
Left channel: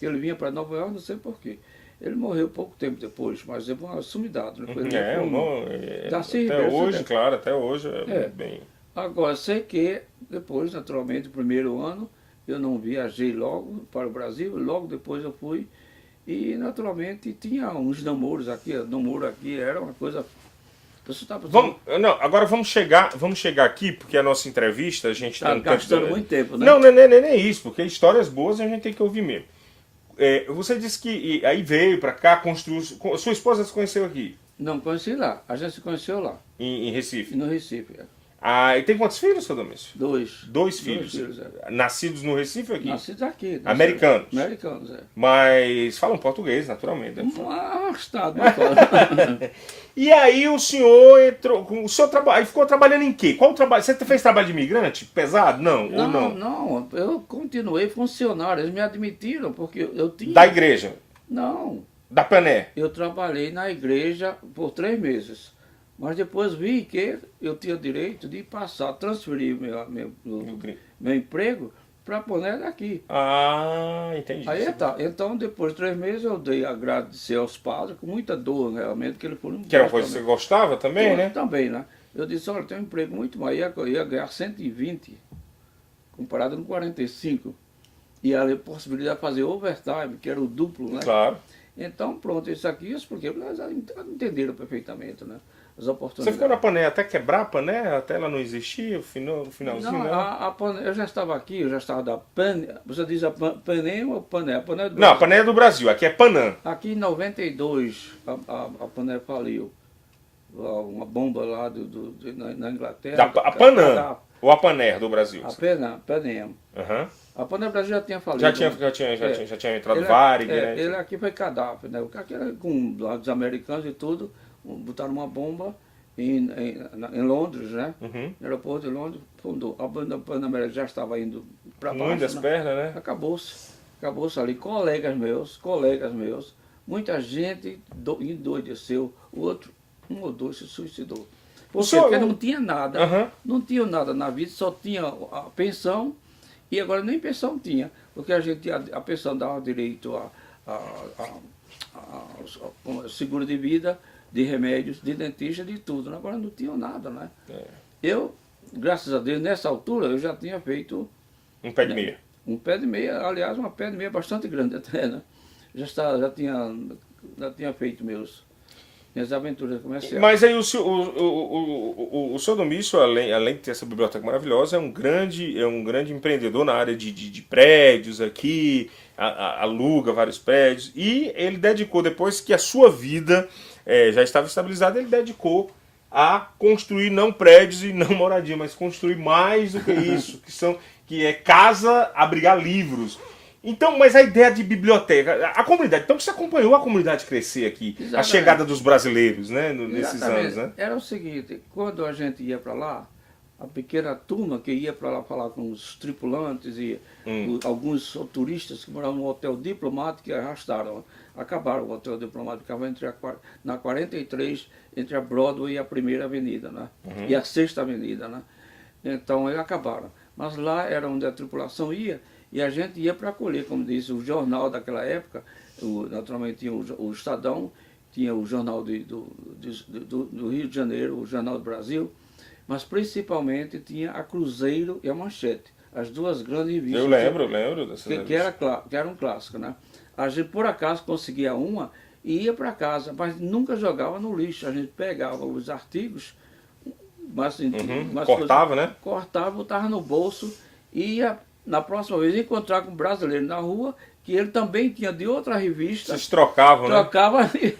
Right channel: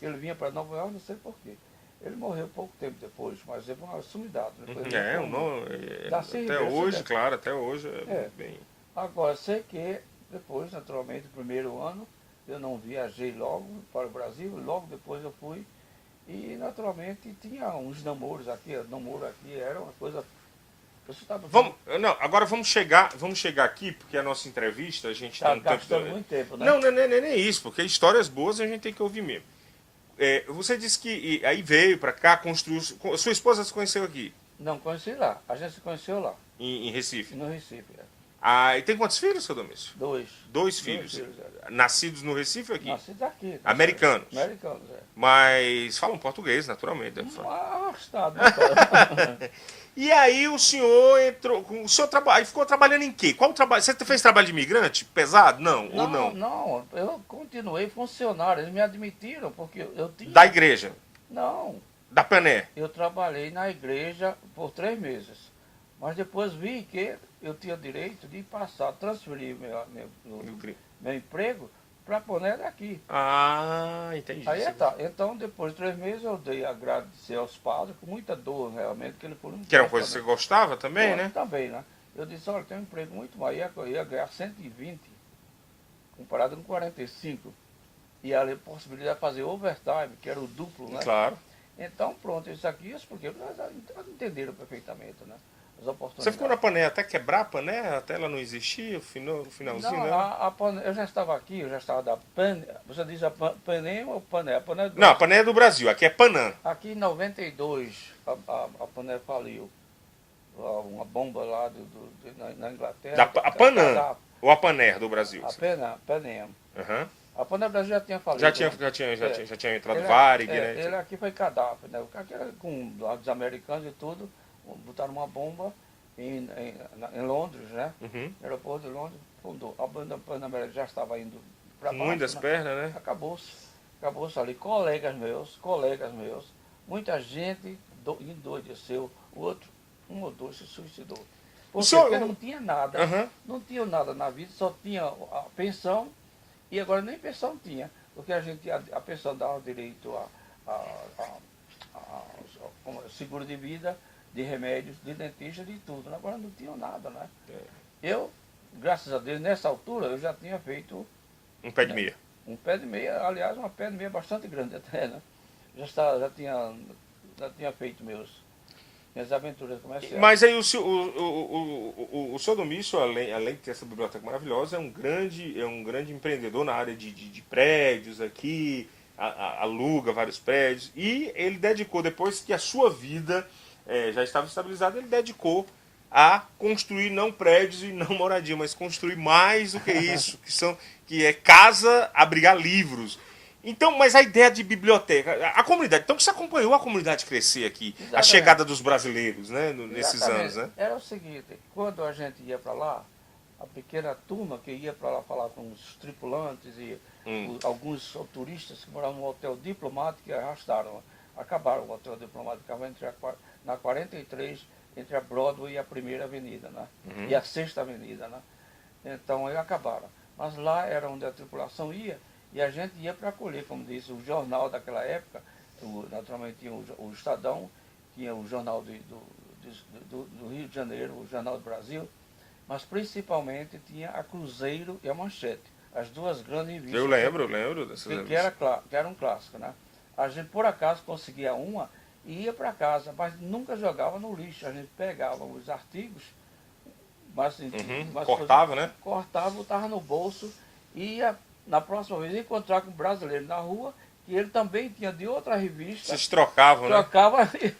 Ele vinha para Nova York, não sei porquê. Ele morreu pouco tempo depois, mas levou uma sumidade. Até hoje, claro, até hoje bem... Agora, sei que depois, naturalmente, o primeiro ano, eu não viajei logo para o Brasil, logo depois eu fui, e naturalmente tinha uns namoros aqui, namoro aqui era uma coisa... Agora vamos chegar aqui, porque a nossa entrevista, a gente está gastando muito tempo, né? Não é isso, porque histórias boas a gente tem que ouvir mesmo. Você disse que aí veio para cá, construiu... Sua esposa se conheceu aqui? Não, conheci lá. A gente se conheceu lá. Em Recife? No Recife, E tem quantos filhos, seu Domício? Dois. Dois filhos. Nascidos no Recife ou aqui? Nascidos aqui. Americanos? Americanos, Mas falam português, naturalmente. Arrastado. E aí o senhor entrou... Aí ficou trabalhando em quê? Qual trabalho? Você fez trabalho de imigrante? Pesado? Não. Não, eu continuei funcionário. Eles me admitiram porque eu tinha... Da igreja? Não. Da Pané? Eu trabalhei na igreja por 3 meses. Mas depois vi que eu tinha direito de transferir meu emprego para a Pané daqui. Entendi. Aí tá. Então, depois de 3 meses, eu dei agradecer aos padres, com muita dor, realmente, que ele foram... Que era uma coisa que você gostava também, né? Também, né? Eu disse, olha, tem um emprego muito maior, eu ia ganhar 120, comparado com 45. E a possibilidade de fazer overtime, que era o duplo, né? Claro. Então, pronto, isso aqui, porque eles entenderam perfeitamente, né? As oportunidades. Você ficou na Pané até quebrar a Pané? Até ela não existia, no finalzinho? Não, né? a Pané, eu já estava aqui, eu já estava da Pané. Você diz a Pané ou Pané? A Pané não, a Pané é do Brasil, aqui é Panã. Aqui em 92, a Pané faliu. Uma bomba lá na Inglaterra. A Panã, ou a Pané do Brasil? A Pané. A Pané do Brasil já tinha falido. Já tinha entrado Varig, né? Ele aqui foi Gaddafi, né? O cara era com os americanos e tudo, botaram uma bomba em Londres, né? No aeroporto de Londres, fundou. A Pan-América já estava indo para baixo. Muitas pernas, né? Acabou-se ali. Colegas meus, muita gente endoideceu, um ou dois se suicidou. Porque não tinha nada, não tinha nada na vida, só tinha a pensão, e agora nem pensão tinha, porque a pensão dava direito a seguro de vida, de remédios, de dentista, de tudo. Agora não tinha nada, né? Eu, graças a Deus, nessa altura, eu já tinha feito... Um pé de meia. Um pé de meia, aliás, uma pé de meia bastante grande até, né? Já tinha feito minhas aventuras comerciais. Mas aí o senhor Domício, além de ter essa biblioteca maravilhosa, é um grande empreendedor na área de prédios aqui, aluga vários prédios, e ele dedicou, depois que a sua vida já estava estabilizada, ele dedicou a construir não prédios e não moradia, mas construir mais do que isso, que é casa, abrigar livros. Então, mas a ideia de biblioteca, a comunidade, então você acompanhou a comunidade crescer aqui, exatamente, a chegada dos brasileiros, né, nesses anos, né? Era o seguinte, quando a gente ia para lá, a pequena turma que ia para lá falar com os tripulantes e alguns turistas que moravam no Hotel Diplomático que acabaram o Hotel Diplomático, ficava na 43, entre a Broadway e a Primeira Avenida, né? E a Sexta Avenida, né? Então, eles acabaram. Mas lá era onde a tripulação ia, e a gente ia para acolher, como disse, o jornal daquela época, naturalmente tinha o Estadão, tinha o jornal do Rio de Janeiro, o Jornal do Brasil, mas principalmente tinha a Cruzeiro e a Manchete, as duas grandes revistas. Eu lembro dessas que era um clássico, né? a gente por acaso conseguia uma e ia para casa, mas nunca jogava no lixo. A gente pegava os artigos, Cortava, né? Cortava, botava no bolso e ia na próxima vez encontrar com um brasileiro na rua, que ele também tinha de outra revista. Vocês trocavam, né? Trocava ali.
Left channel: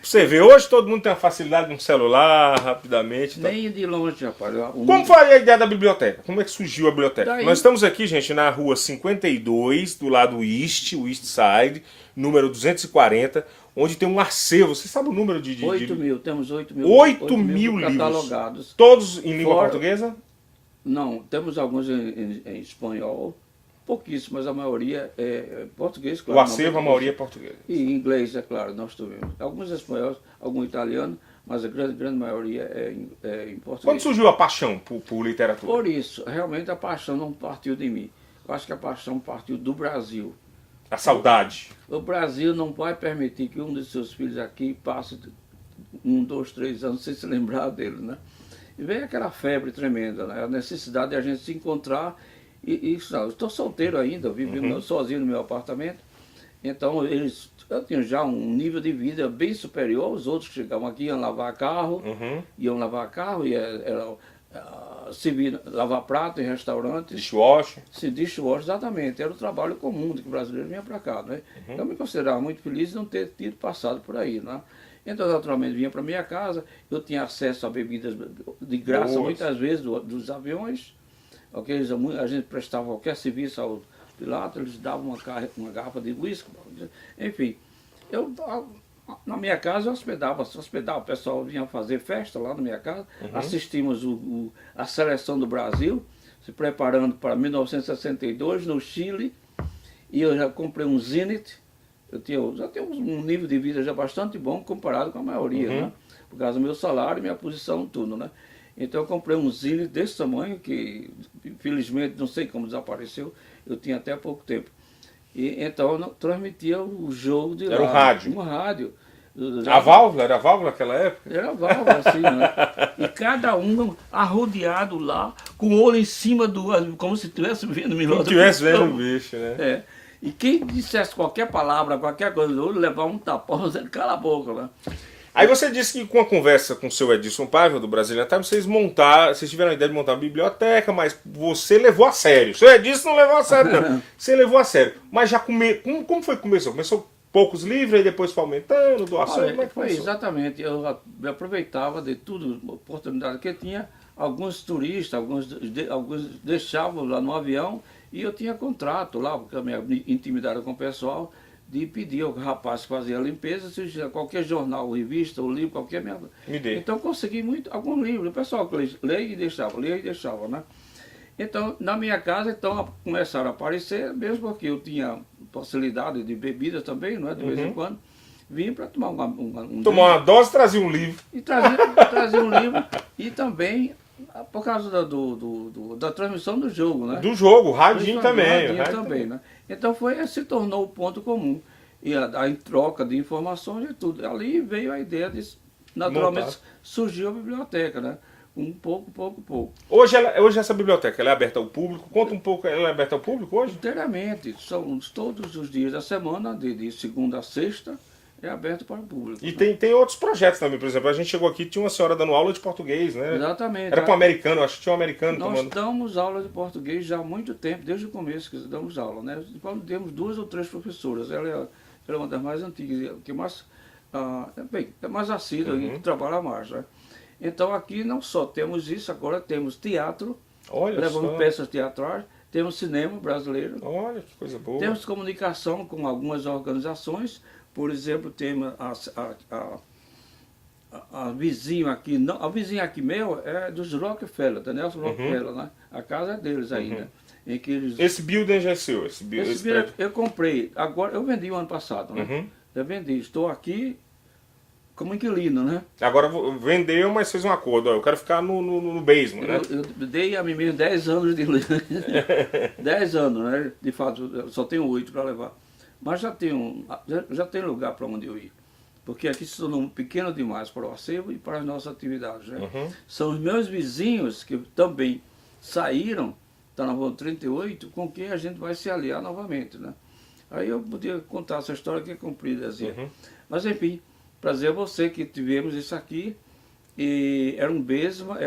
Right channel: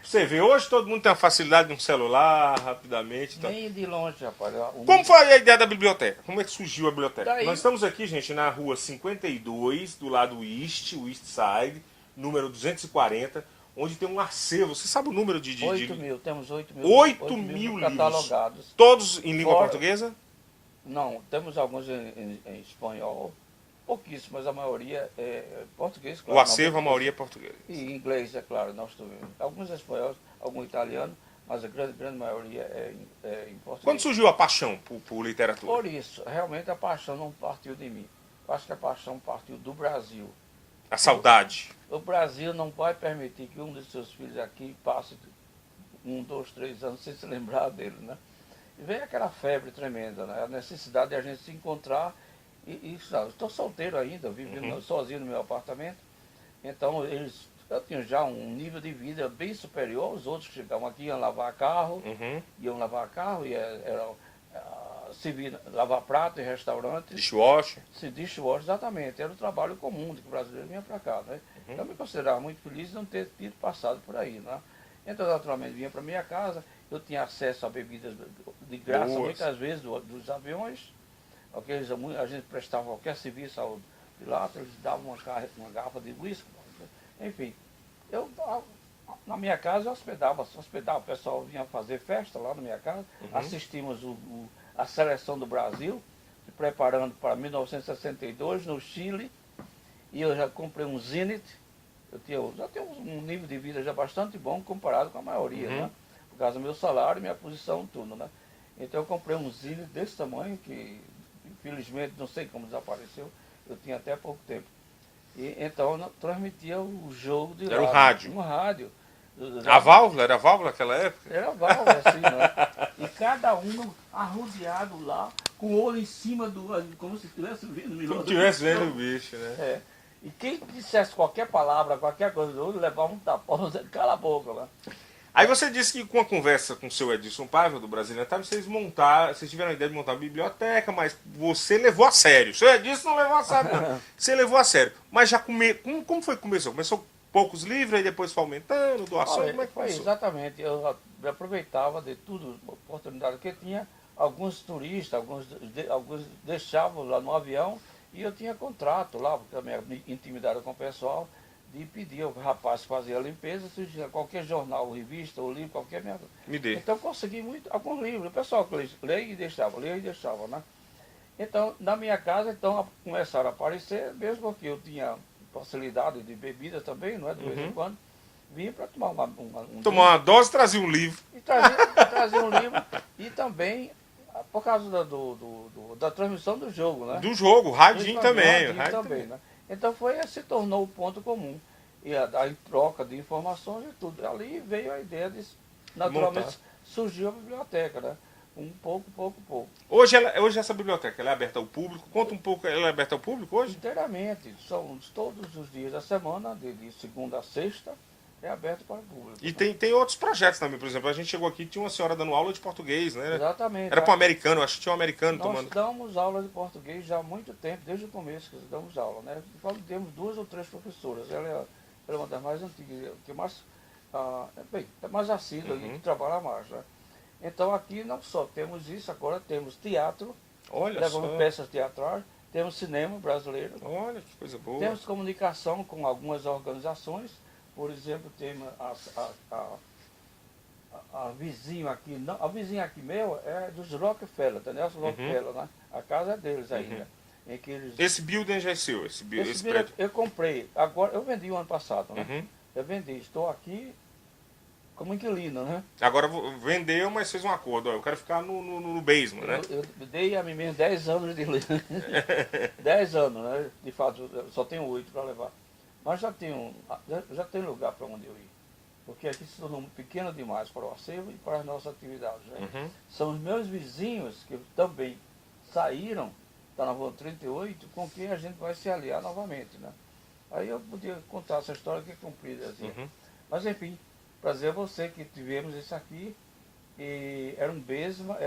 Você vê, hoje todo mundo tem a facilidade de um celular, rapidamente. Tá? Nem de longe, rapaz. Como foi a ideia da biblioteca? Como é que surgiu a biblioteca? Daí... Nós estamos aqui, gente, na rua 52, do lado East Side, número 240, onde tem um acervo. Você sabe o número de... 8 mil, temos 8 mil. 8 mil livros. Catalogados. Todos em língua portuguesa? Não, temos alguns em espanhol, pouquíssimos, mas a maioria é português, claro. O acervo, a maioria é português. E inglês, é claro, nós temos. Alguns espanhóis, algum italiano, mas a grande maioria é em português. Quando surgiu a paixão por literatura? Por isso, realmente a paixão não partiu de mim. Eu acho que a paixão partiu do Brasil. A saudade. O Brasil não vai permitir que um de seus filhos aqui passe 1, 2, 3 anos sem se lembrar dele, né? E veio aquela febre tremenda, né? A necessidade de a gente se encontrar. Eu estou solteiro ainda, vivendo sozinho no meu apartamento. Então, eu tinha já um nível de vida bem superior aos outros que chegavam aqui, iam lavar carro, servir, lavar prato em restaurantes. Dishwasher. Dishwasher, exatamente. Era o trabalho comum que o brasileiro vinha para cá, né? Eu me considerava muito feliz de não ter tido passado por aí, né? Então, naturalmente, vinha para minha casa, eu tinha acesso a bebidas de graça, muitas vezes, dos aviões. Okay? A gente prestava qualquer serviço ao piloto, eles davam uma garrafa de uísque. Enfim, na minha casa eu hospedava, o pessoal vinha fazer festa lá na minha casa, assistimos a seleção do Brasil, se preparando para 1962 no Chile, e eu já comprei um Zenit, já tenho um nível de vida já bastante bom comparado com a maioria, né? Por causa do meu salário, minha posição, tudo, né? Então eu comprei um Zenit desse tamanho, que infelizmente não sei como desapareceu, eu tinha até pouco tempo. E então eu transmitia o jogo de lá. Era um rádio. Uma rádio. A válvula? Era a válvula naquela época? Era a válvula, assim, né? E cada um arrodeado lá, com o olho em cima como se estivesse vendo o Como se estivesse vendo um bicho, né? É. E quem dissesse qualquer palavra, qualquer coisa do olho, levava um tapão, você cala a boca, né? Aí você disse que com a conversa com o seu Edson Paiva, do Brazilian Time, vocês tiveram a ideia de montar uma biblioteca, mas você levou a sério. O seu Edson não levou a sério, não. Você levou a sério. Mas já como foi que começou? Começou poucos livros, aí depois foi aumentando, doação, como é que foi? começou? Exatamente. Eu me aproveitava de tudo, a oportunidade que tinha. Alguns turistas, alguns deixavam lá no avião, e eu tinha contrato lá, porque a minha intimidade com o pessoal, de pedir ao rapaz que fazia a limpeza, se qualquer jornal, revista ou livro, qualquer merda. Me dê. Então consegui alguns livros. O pessoal que lia e deixava, né? Então, na minha casa, começaram a aparecer, mesmo porque eu tinha facilidade de bebida também, não é? De vez em quando. Vim para tomar tomar uma dose, trazia um livro. E trazia um livro. E também por causa da transmissão do jogo, né? Do jogo, o radinho também. Né? Então se tornou o ponto comum. E em troca de informações e tudo. Ali veio a ideia de, naturalmente, surgiu a biblioteca, né? Pouco. Hoje essa biblioteca, ela é aberta ao público? Conta um pouco, ela é aberta ao público hoje? Inteiramente. São todos os dias da semana, de segunda a sexta, é aberto para o público. E tem outros projetos também, por exemplo, a gente chegou aqui, tinha uma senhora dando aula de português, né? Exatamente. Era para o americano, acho que tinha um americano Nós tomando. damos aula de português já há muito tempo, desde o começo que damos aula, né? Temos 2 ou 3 professoras, ela é uma das mais antigas, que é mais assídua e que trabalha mais, né? Então aqui não só temos isso, agora temos teatro, levamos peças teatrais, temos cinema brasileiro. Olha que coisa boa. Temos comunicação com algumas organizações. Por exemplo, temos a vizinha aqui, não, a vizinha aqui meu é dos Rockefeller, da Nelson Rockefeller, né? A casa é deles aí, né? Em que eles... Esse building já é seu, esse prédio. Eu comprei, agora eu vendi o ano passado, né? Eu vendi, estou aqui como inquilino, né? Agora vendeu, mas fez um acordo, eu quero ficar no basement, né? Eu dei a mim mesmo 10 anos de 10 anos, né? De fato, só tenho 8 para levar. Mas já tem lugar para onde eu ir. Porque aqui se tornou pequeno demais para o acervo e para as nossas atividades, né? São os meus vizinhos que também saíram, está na rua 38, com quem a gente vai se aliar novamente, né? Aí eu podia contar essa história que é comprida assim. Uhum. Mas enfim, prazer a você que tivemos isso aqui. E era um besma,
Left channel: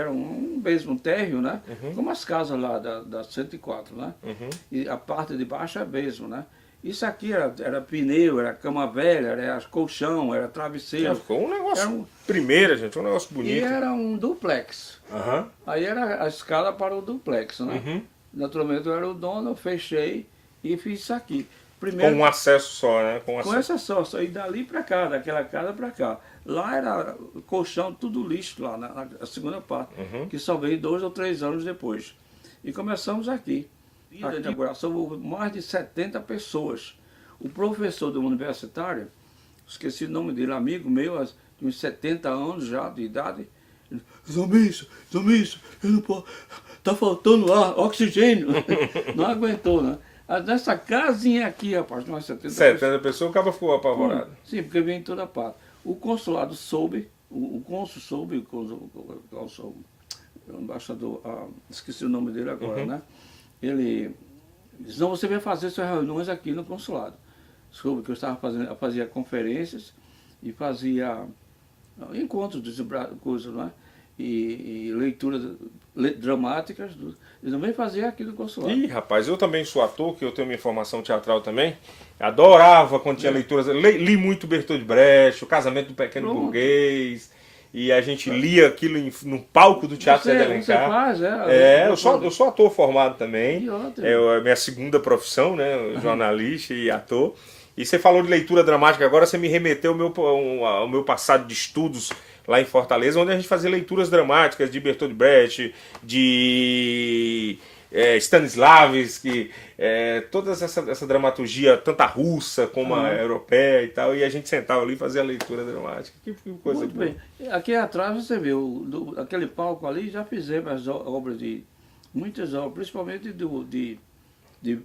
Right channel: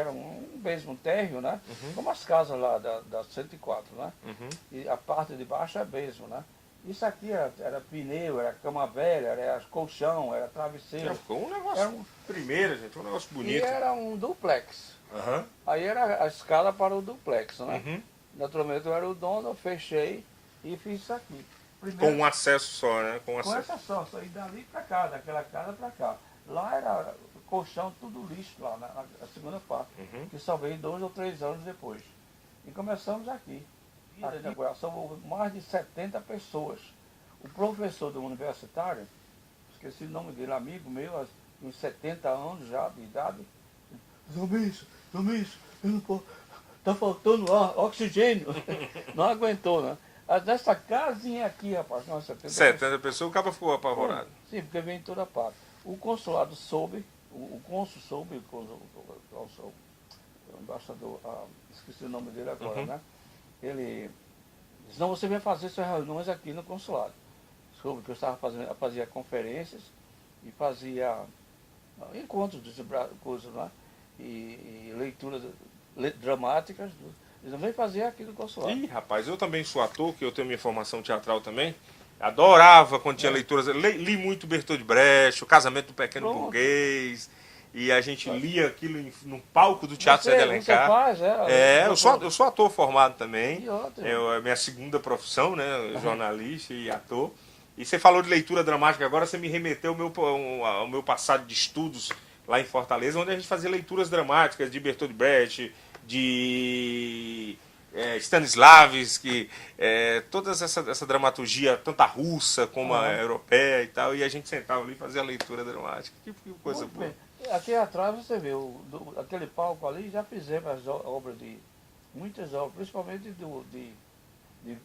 um térreo, né? Uhum. Como as casas lá da 104, né? Uhum. E a parte de baixo é besma, né? Isso aqui era pneu, era cama velha, era colchão, era travesseiro. Ficou um negócio Era um- primeira, gente, um negócio E bonito. era um duplex. Aham. Aí era a escala para o duplex, né? Uhum. Naturalmente eu era o dono, eu fechei e fiz isso aqui. Com Primeiro, um acesso só, né? Com com essa só, saí dali para cá, daquela casa para cá. Lá era colchão, tudo lixo lá, na segunda parte, Uhum. que só veio 2 ou 3 anos depois. E começamos aqui. Na inauguração houve mais de 70 pessoas. O professor do universitário, esqueci o nome dele, amigo meu, de uns 70 anos já de idade, ele, Zombiço, eu não posso, tá faltando ar, oxigênio. Não aguentou, né? Nessa casinha aqui, rapaz, nós 70 pessoas. 70 pessoas, o cara ficou apavorado. Sim, porque vem em toda parte. O consulado soube, o cônsul soube, o embaixador, esqueci o nome dele agora, Uhum. né? Ele disse, não, você vai fazer suas reuniões aqui no consulado. Soube que eu fazia conferências e fazia encontros de coisas, né? E leituras dramáticas. Eles não vem fazer aqui no consulado. Ih, rapaz, eu também sou ator, que eu tenho minha formação teatral também. Adorava quando tinha leituras. Li muito Bertold Brecht, O Casamento do Pequeno Pronto. Burguês. E a gente lia aquilo no palco do Teatro Zé de Você Alencar. faz, Eu sou ator formado também. Que ótimo. É a minha segunda profissão, né? Jornalista e ator. E você falou de leitura dramática, agora você me remeteu ao meu passado de estudos lá em Fortaleza, onde a gente fazia leituras dramáticas de Bertold Brecht, de Stanislavski, toda essa dramaturgia, tanto a russa como a europeia e tal, e a gente sentava ali e fazia a leitura dramática. Que coisa Muito boa. bem. Aqui atrás você viu, aquele palco ali, já fizemos as obras muitas obras, principalmente de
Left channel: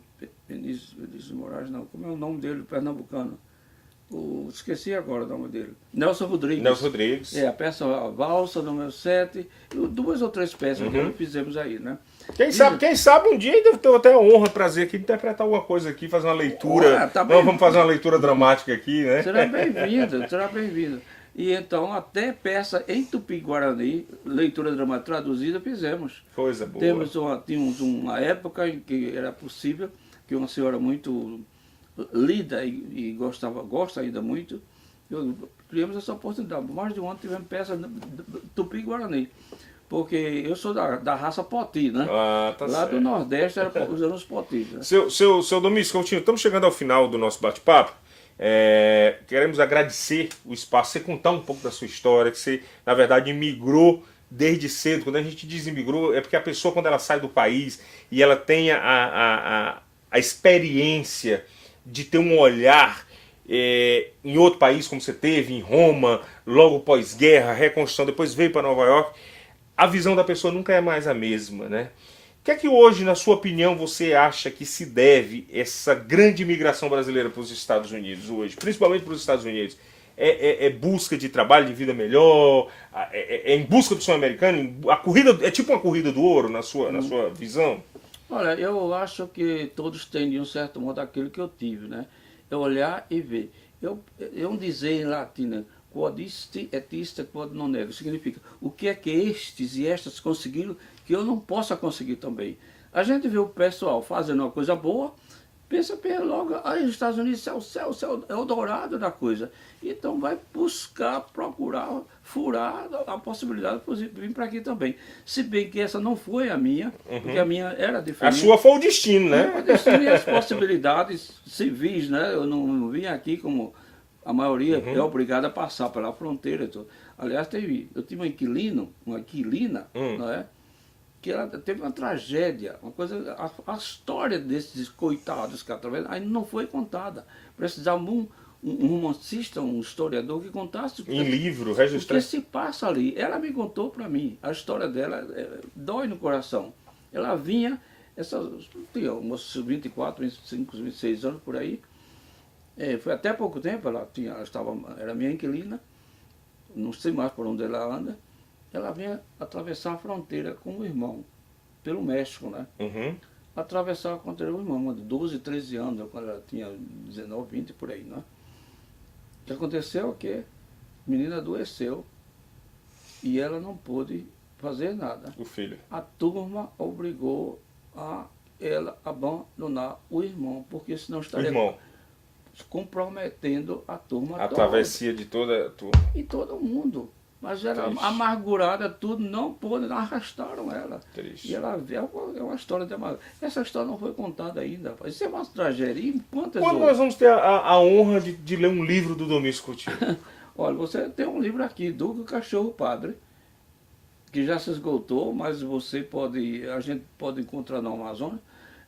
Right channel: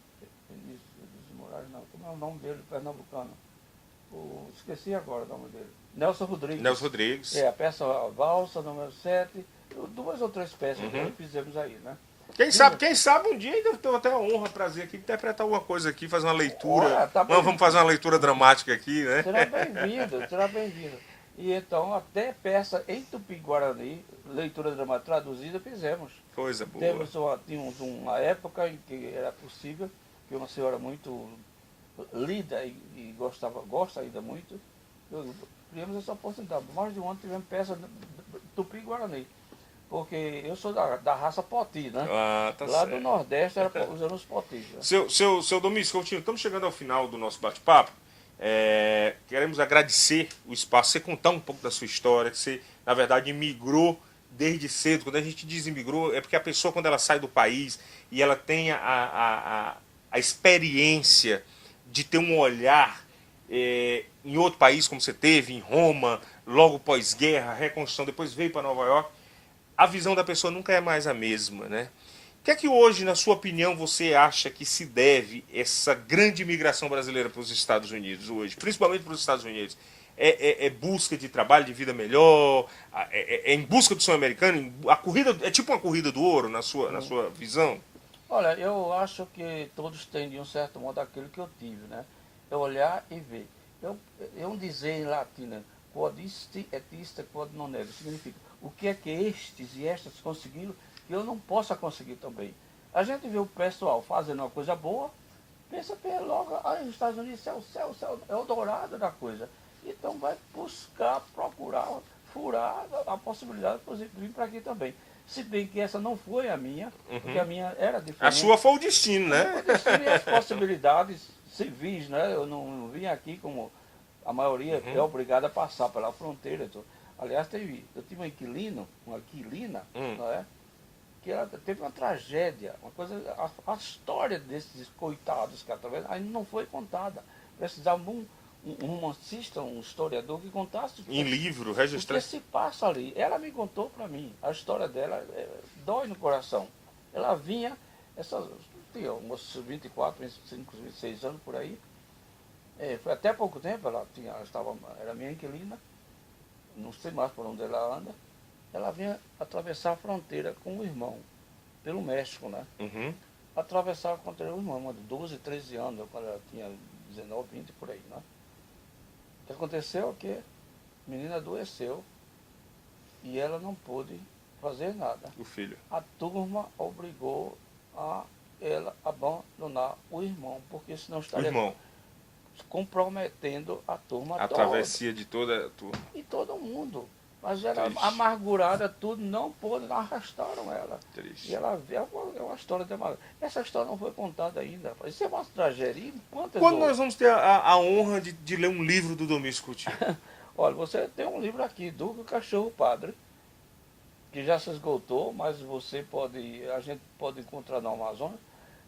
Vinícius Moraes, não, como é o nome dele, pernambucano? Esqueci agora o nome dele. Nelson Rodrigues. Nelson Rodrigues. A peça a Valsa, número 7, 2 ou 3 peças que fizemos aí, né? Quem sabe um dia ainda tenho até a honra, prazer aqui de interpretar alguma coisa aqui, fazer uma leitura. Tá bem. Vamos fazer uma leitura dramática aqui, né? Será bem-vindo, será bem-vindo. E então, até peça em Tupi-Guarani, leitura dramática traduzida, fizemos. Coisa boa. Tínhamos uma época em que era possível, que uma senhora muito lida e gosta ainda muito, tivemos essa oportunidade. Mais de um ano tivemos peça Tupi-Guarani. Porque eu sou da raça Poti, né? Tá Lá certo. do Nordeste era usando os Potis. Né? Seu Domingos Coutinho, estamos chegando ao final do nosso bate-papo. Queremos agradecer o espaço, você contar um pouco da sua história, que você, na verdade, imigrou desde cedo. Quando a gente diz imigrou, é porque a pessoa, quando ela sai do país e ela tem a experiência de ter um olhar em outro país, como você teve, em Roma, logo pós-guerra, reconstrução, depois veio para Nova York, a visão da pessoa nunca é mais a mesma, né? O que é que hoje, na sua opinião, você acha que se deve essa grande imigração brasileira para os Estados Unidos hoje, principalmente para os Estados Unidos? É busca de trabalho, de vida melhor? É em busca do sonho americano? A corrida, é tipo uma corrida do ouro, na sua visão? Olha, eu acho que todos têm, de um certo modo, aquilo que eu tive, né? É olhar e ver. Eu dizer em latim, né? Quod isti et ista quod non est, significa o que é que estes e estas conseguiram que eu não possa conseguir também. A gente vê o pessoal fazendo uma coisa boa, pensa logo, aí os Estados Unidos é o céu, é o dourado da coisa. Então vai buscar, procurar, furar a possibilidade de vir para aqui também. Se bem que essa não foi a minha, porque a minha era diferente. A sua foi o destino, né? O destino e as possibilidades civis, né? Eu não vim aqui como a maioria é obrigada a passar pela fronteira. Aliás, eu tive uma inquilina, não é? Que ela teve uma tragédia, uma coisa, a história desses coitados que através ainda não foi contada. Precisava um romancista, um historiador que contasse Em livro, o que registrado. se passa ali. Ela me contou para mim, a história dela dói no coração. Ela vinha, tinha uns 24, 25, 26 anos por aí. Foi até pouco tempo, era minha inquilina, não sei mais por onde ela anda. Ela vinha atravessar a fronteira com o irmão, pelo México, né? atravessar contra o irmão, de 12, 13 anos, quando ela tinha 19, 20 por aí, né? O que aconteceu é que a menina adoeceu e ela não pôde fazer nada. O filho. A turma obrigou a ela abandonar o irmão, porque senão O estaria irmão. comprometendo a turma A toda. travessia de toda a turma. E todo mundo. Mas era Triste. amargurada, tudo, não pôde, arrastaram ela. Triste. E ela é uma história de amargura. Essa história não foi contada ainda. Isso é uma tragédia. E quantas Quando nós outras? vamos ter a honra de ler um livro do Domingos Coutinho? Olha, você tem um livro aqui, do Cachorro Padre, que já se esgotou, mas você pode, a gente pode encontrar no Amazon,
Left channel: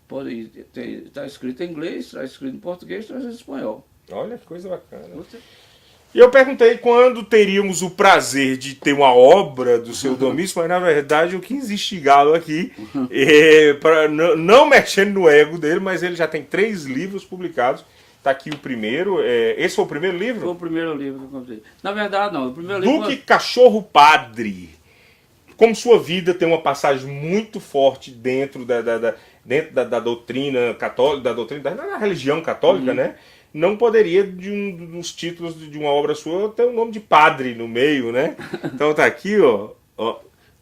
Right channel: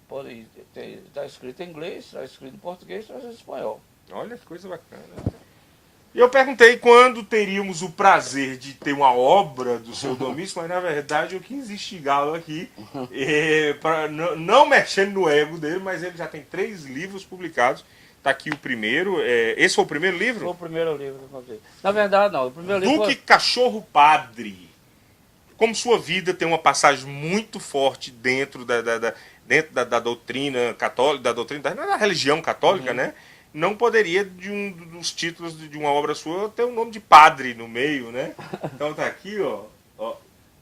pode ter, está escrito em inglês, está escrito em português, está escrito em espanhol. Olha que coisa bacana. E eu perguntei quando teríamos o prazer de ter uma obra do seu Domingos, mas na verdade eu quis instigá-lo aqui, para não mexendo no ego dele, mas ele já tem 3 livros publicados. Está aqui o primeiro. Esse foi o primeiro livro? Foi o primeiro livro que eu comprei. Na verdade, não. O primeiro livro Duque Cachorro Padre. Como sua vida tem uma passagem muito forte dentro da doutrina católica, da religião católica, né? Não poderia, de um dos títulos de uma obra sua, ter o nome de padre no meio, né? Então tá aqui, ó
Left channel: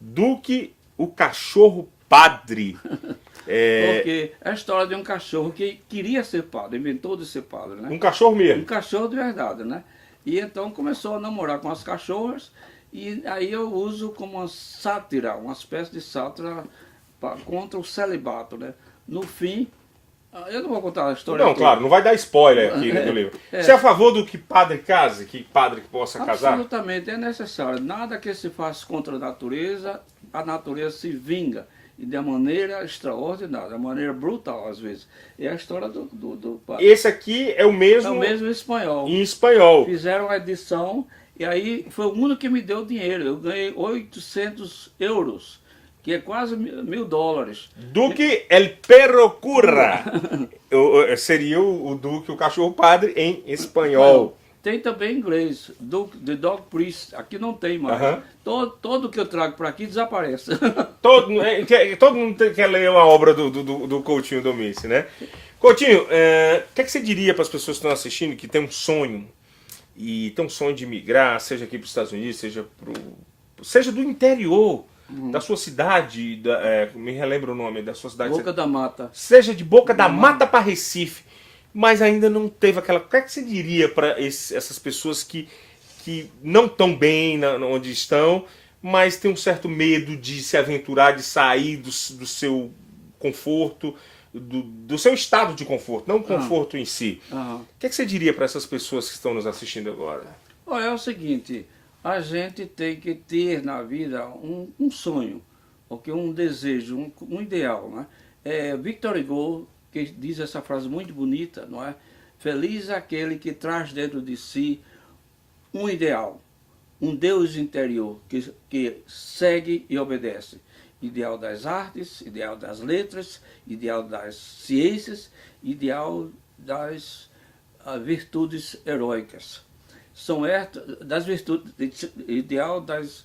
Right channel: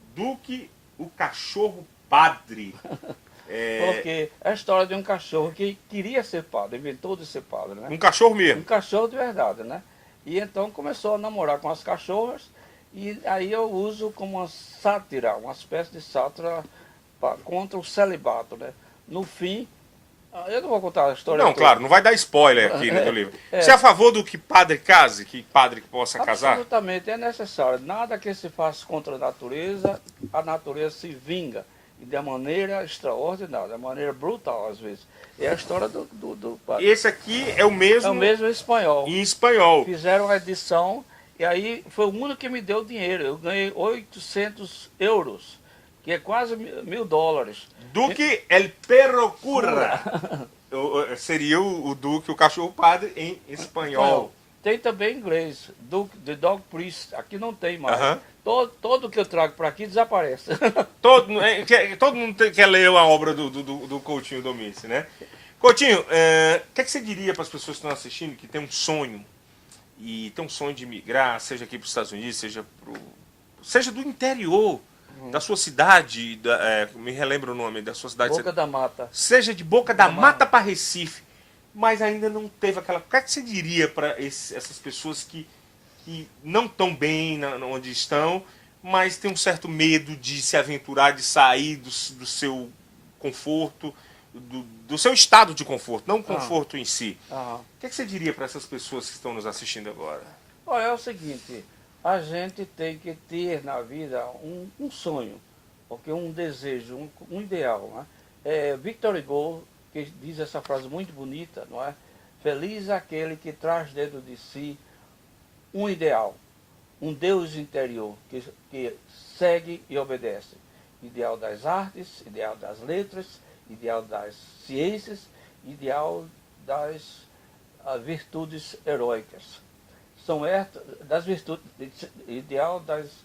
Duque, o Cachorro Padre. Porque é a história de um cachorro que queria ser padre, inventou de ser padre, né? Um cachorro mesmo. Um cachorro de verdade, né? E então começou a namorar com as cachorras, e aí eu uso como uma sátira, uma espécie de sátira contra o celibato, né? No fim, eu não vou contar a história Não, toda. claro, não vai dar spoiler aqui no livro. É. Você é a favor do que padre case, que padre possa casar? Absolutamente, é necessário. Nada que se faça contra a natureza se vinga. E de maneira extraordinária, de maneira brutal às vezes. É a história do padre. Esse aqui é o mesmo, É o mesmo em espanhol. em espanhol. Fizeram a edição e aí foi o único que me deu dinheiro. Eu ganhei 800 euros, que é quase $1000. Duque El Perro Curra. Seria o Duque, o Cachorro Padre, em espanhol. Tem também em inglês, The Dog Priest. Aqui não tem mais. Todo que eu trago para aqui desaparece. Todo mundo quer ler a obra do Coutinho Domingos, né? Coutinho, o que você diria para as pessoas que estão assistindo, que tem um sonho, e tem um sonho de migrar, seja aqui para os Estados Unidos, seja do interior, da sua cidade, me relembra o nome da sua cidade. Boca da Mata. Seja de Boca da Mata para Recife, mas ainda não teve aquela... O que você diria para essas pessoas que não estão bem onde estão, mas tem um certo medo de se aventurar, de sair do seu conforto, do seu estado de conforto, não o conforto em si. O que você diria para essas pessoas que estão nos assistindo agora? Olha, é o seguinte, a gente tem que ter na vida um sonho, porque um desejo, um ideal, né? Victor Hugo, que diz essa frase muito bonita, não é? Feliz aquele que traz dentro de si um ideal, um Deus interior que segue e obedece. Ideal das artes, ideal das letras, ideal das ciências, ideal das virtudes heróicas. São das virtudes, ideal das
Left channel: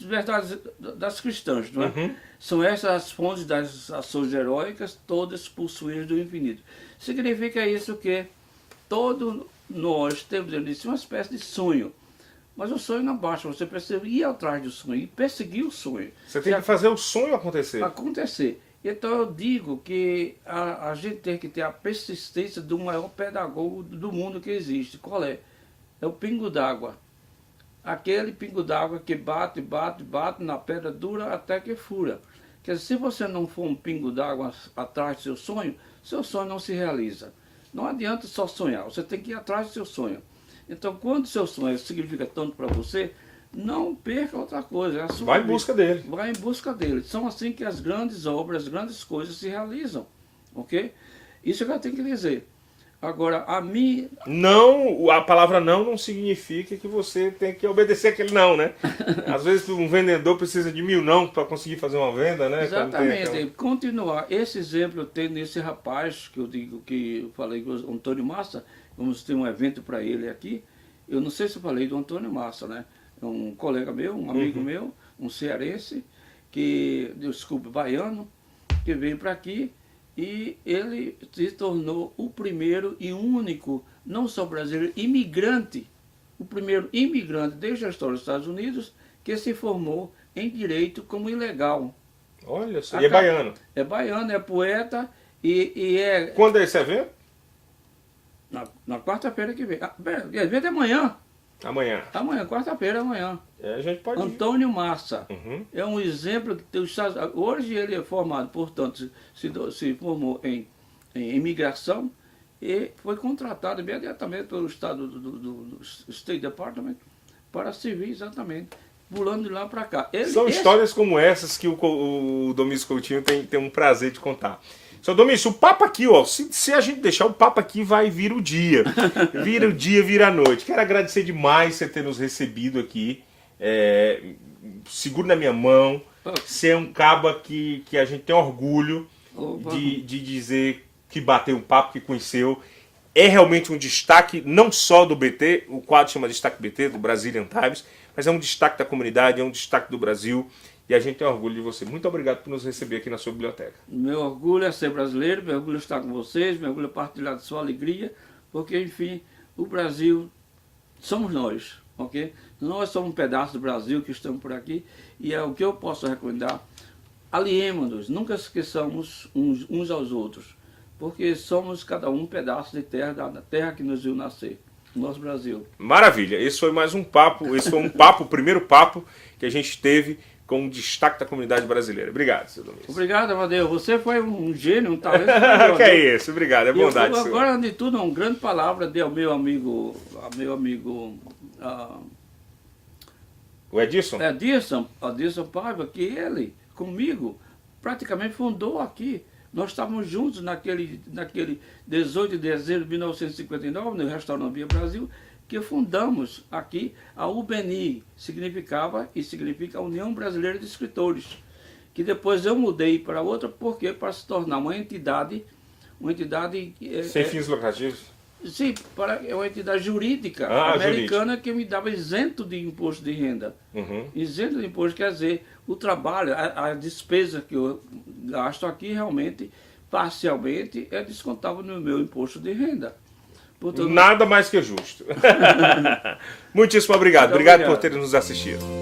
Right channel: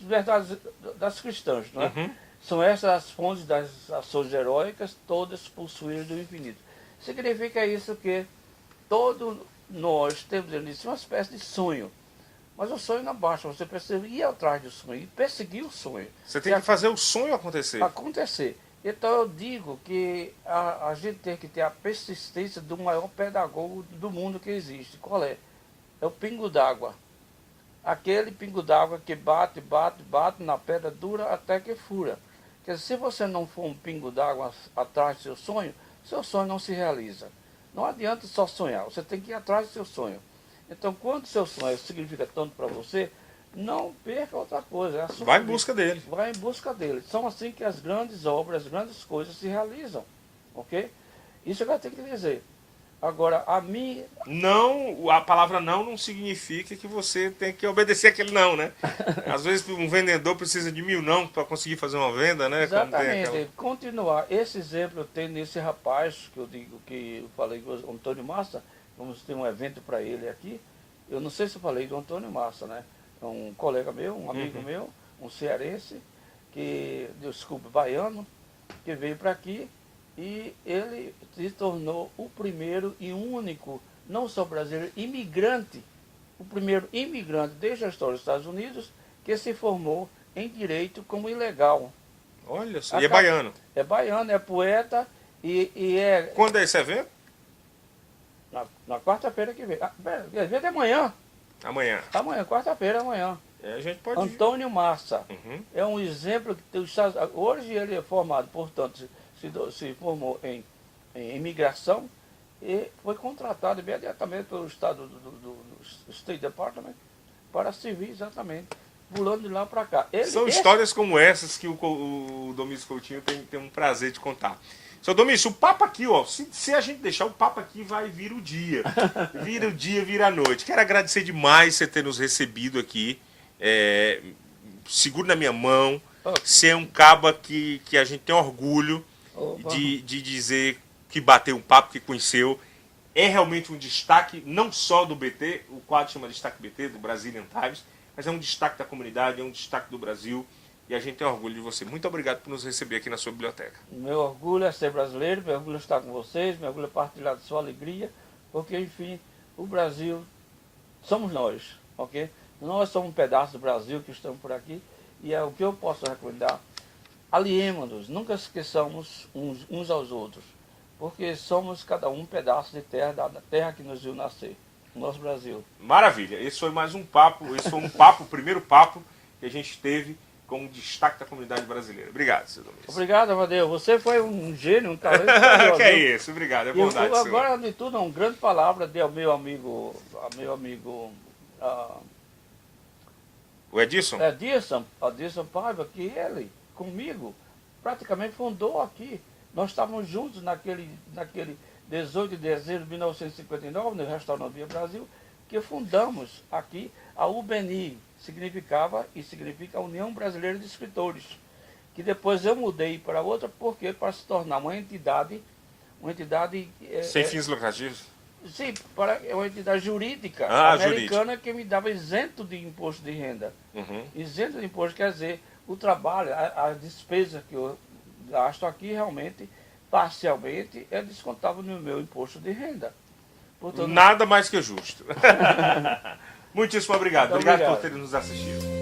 verdades das cristãs, não é? São essas as fontes das ações heróicas, todas possuídas do infinito. Significa isso que todos nós temos dentro de si uma espécie de sonho. Mas o sonho não basta, você precisa ir atrás do sonho e perseguir o sonho. Você tem que fazer o sonho acontecer. Então eu digo que a gente tem que ter a persistência do maior pedagogo do mundo que existe. Qual é? É o pingo d'água. Aquele pingo d'água que bate na pedra dura até que fura. Quer dizer, se você não for um pingo d'água atrás do seu sonho não se realiza. Não adianta só sonhar, você tem que ir atrás do seu sonho. Então, quando o seu sonho significa tanto para você, não perca outra coisa. É a sua Vai em vida. busca dele. Vai em busca dele. São assim que as grandes obras, as grandes coisas se realizam. Ok? Isso que eu tenho que dizer. Agora, Não, a palavra não significa que você tem que obedecer aquele não, né? Às vezes um vendedor precisa de 1000 não para conseguir fazer uma venda, né? Exatamente. Continuar. Esse exemplo eu tenho nesse rapaz, que eu falei com o Antônio Massa, vamos ter um evento para ele aqui. Eu não sei se eu falei do Antônio Massa, né? É um colega meu, um amigo meu, um cearense, baiano, que veio para aqui e ele se tornou o primeiro e único, não só brasileiro, imigrante, o primeiro imigrante desde a história dos Estados Unidos que se formou em direito como ilegal. Olha só, e é baiano. É baiano, é poeta e é... Quando é esse evento? Na quarta-feira que vem. O evento é amanhã. Amanhã. Amanhã, quarta-feira, amanhã. A gente pode Antônio Massa. Uhum. É um exemplo que hoje ele é formado, portanto, se formou em imigração e foi contratado imediatamente pelo Estado do State Department para servir exatamente, pulando de lá para cá. São histórias como essas que o Domício Coutinho tem um prazer de contar. Seu Domício, o papo aqui, ó, se a gente deixar o papo aqui, vai vir o dia. Vira o dia, vira a noite. Quero agradecer demais você ter nos recebido aqui. Seguro na minha mão. Você é um caba que a gente tem orgulho de dizer que bateu um papo, que conheceu. É realmente um destaque, não só do BT, o quadro chama Destaque BT, do Brazilian Times, mas é um destaque da comunidade, é um destaque do Brasil. E a gente tem orgulho de você. Muito obrigado por nos receber aqui na sua biblioteca. Meu orgulho é ser brasileiro, meu orgulho é estar com vocês, meu orgulho é partilhar de sua alegria, porque, enfim, o Brasil somos nós, ok? Nós somos um pedaço do Brasil que estamos por aqui, e é o que eu posso recomendar. Aliemos-nos, nunca esqueçamos uns aos outros, porque somos cada um pedaço de terra, da terra que nos viu nascer, o nosso Brasil. Maravilha, esse foi mais um papo, o primeiro papo que a gente teve com um destaque da comunidade brasileira. Obrigado, seu Domingos. Obrigado, Amadeu. Você foi um gênio, um talento. Que é isso, obrigado, é bondade sua. Agora, de tudo, uma grande palavra de ao meu amigo o Edson? Edson Paiva, que ele, comigo, praticamente fundou aqui. Nós estávamos juntos naquele 18 de dezembro de 1959, no restaurante Via Brasil, que fundamos aqui a UBNI, significa a União Brasileira de Escritores, que depois eu mudei para outra, porque para se tornar uma entidade sem fins lucrativos? Sim, é uma entidade jurídica americana que me dava isento de imposto de renda. Uhum. Isento de imposto quer dizer, o trabalho, a despesa que eu gasto aqui realmente, parcialmente, é descontável no meu imposto de renda. Portanto, nada mais que justo. Muitíssimo obrigado. Obrigado por ter nos assistido.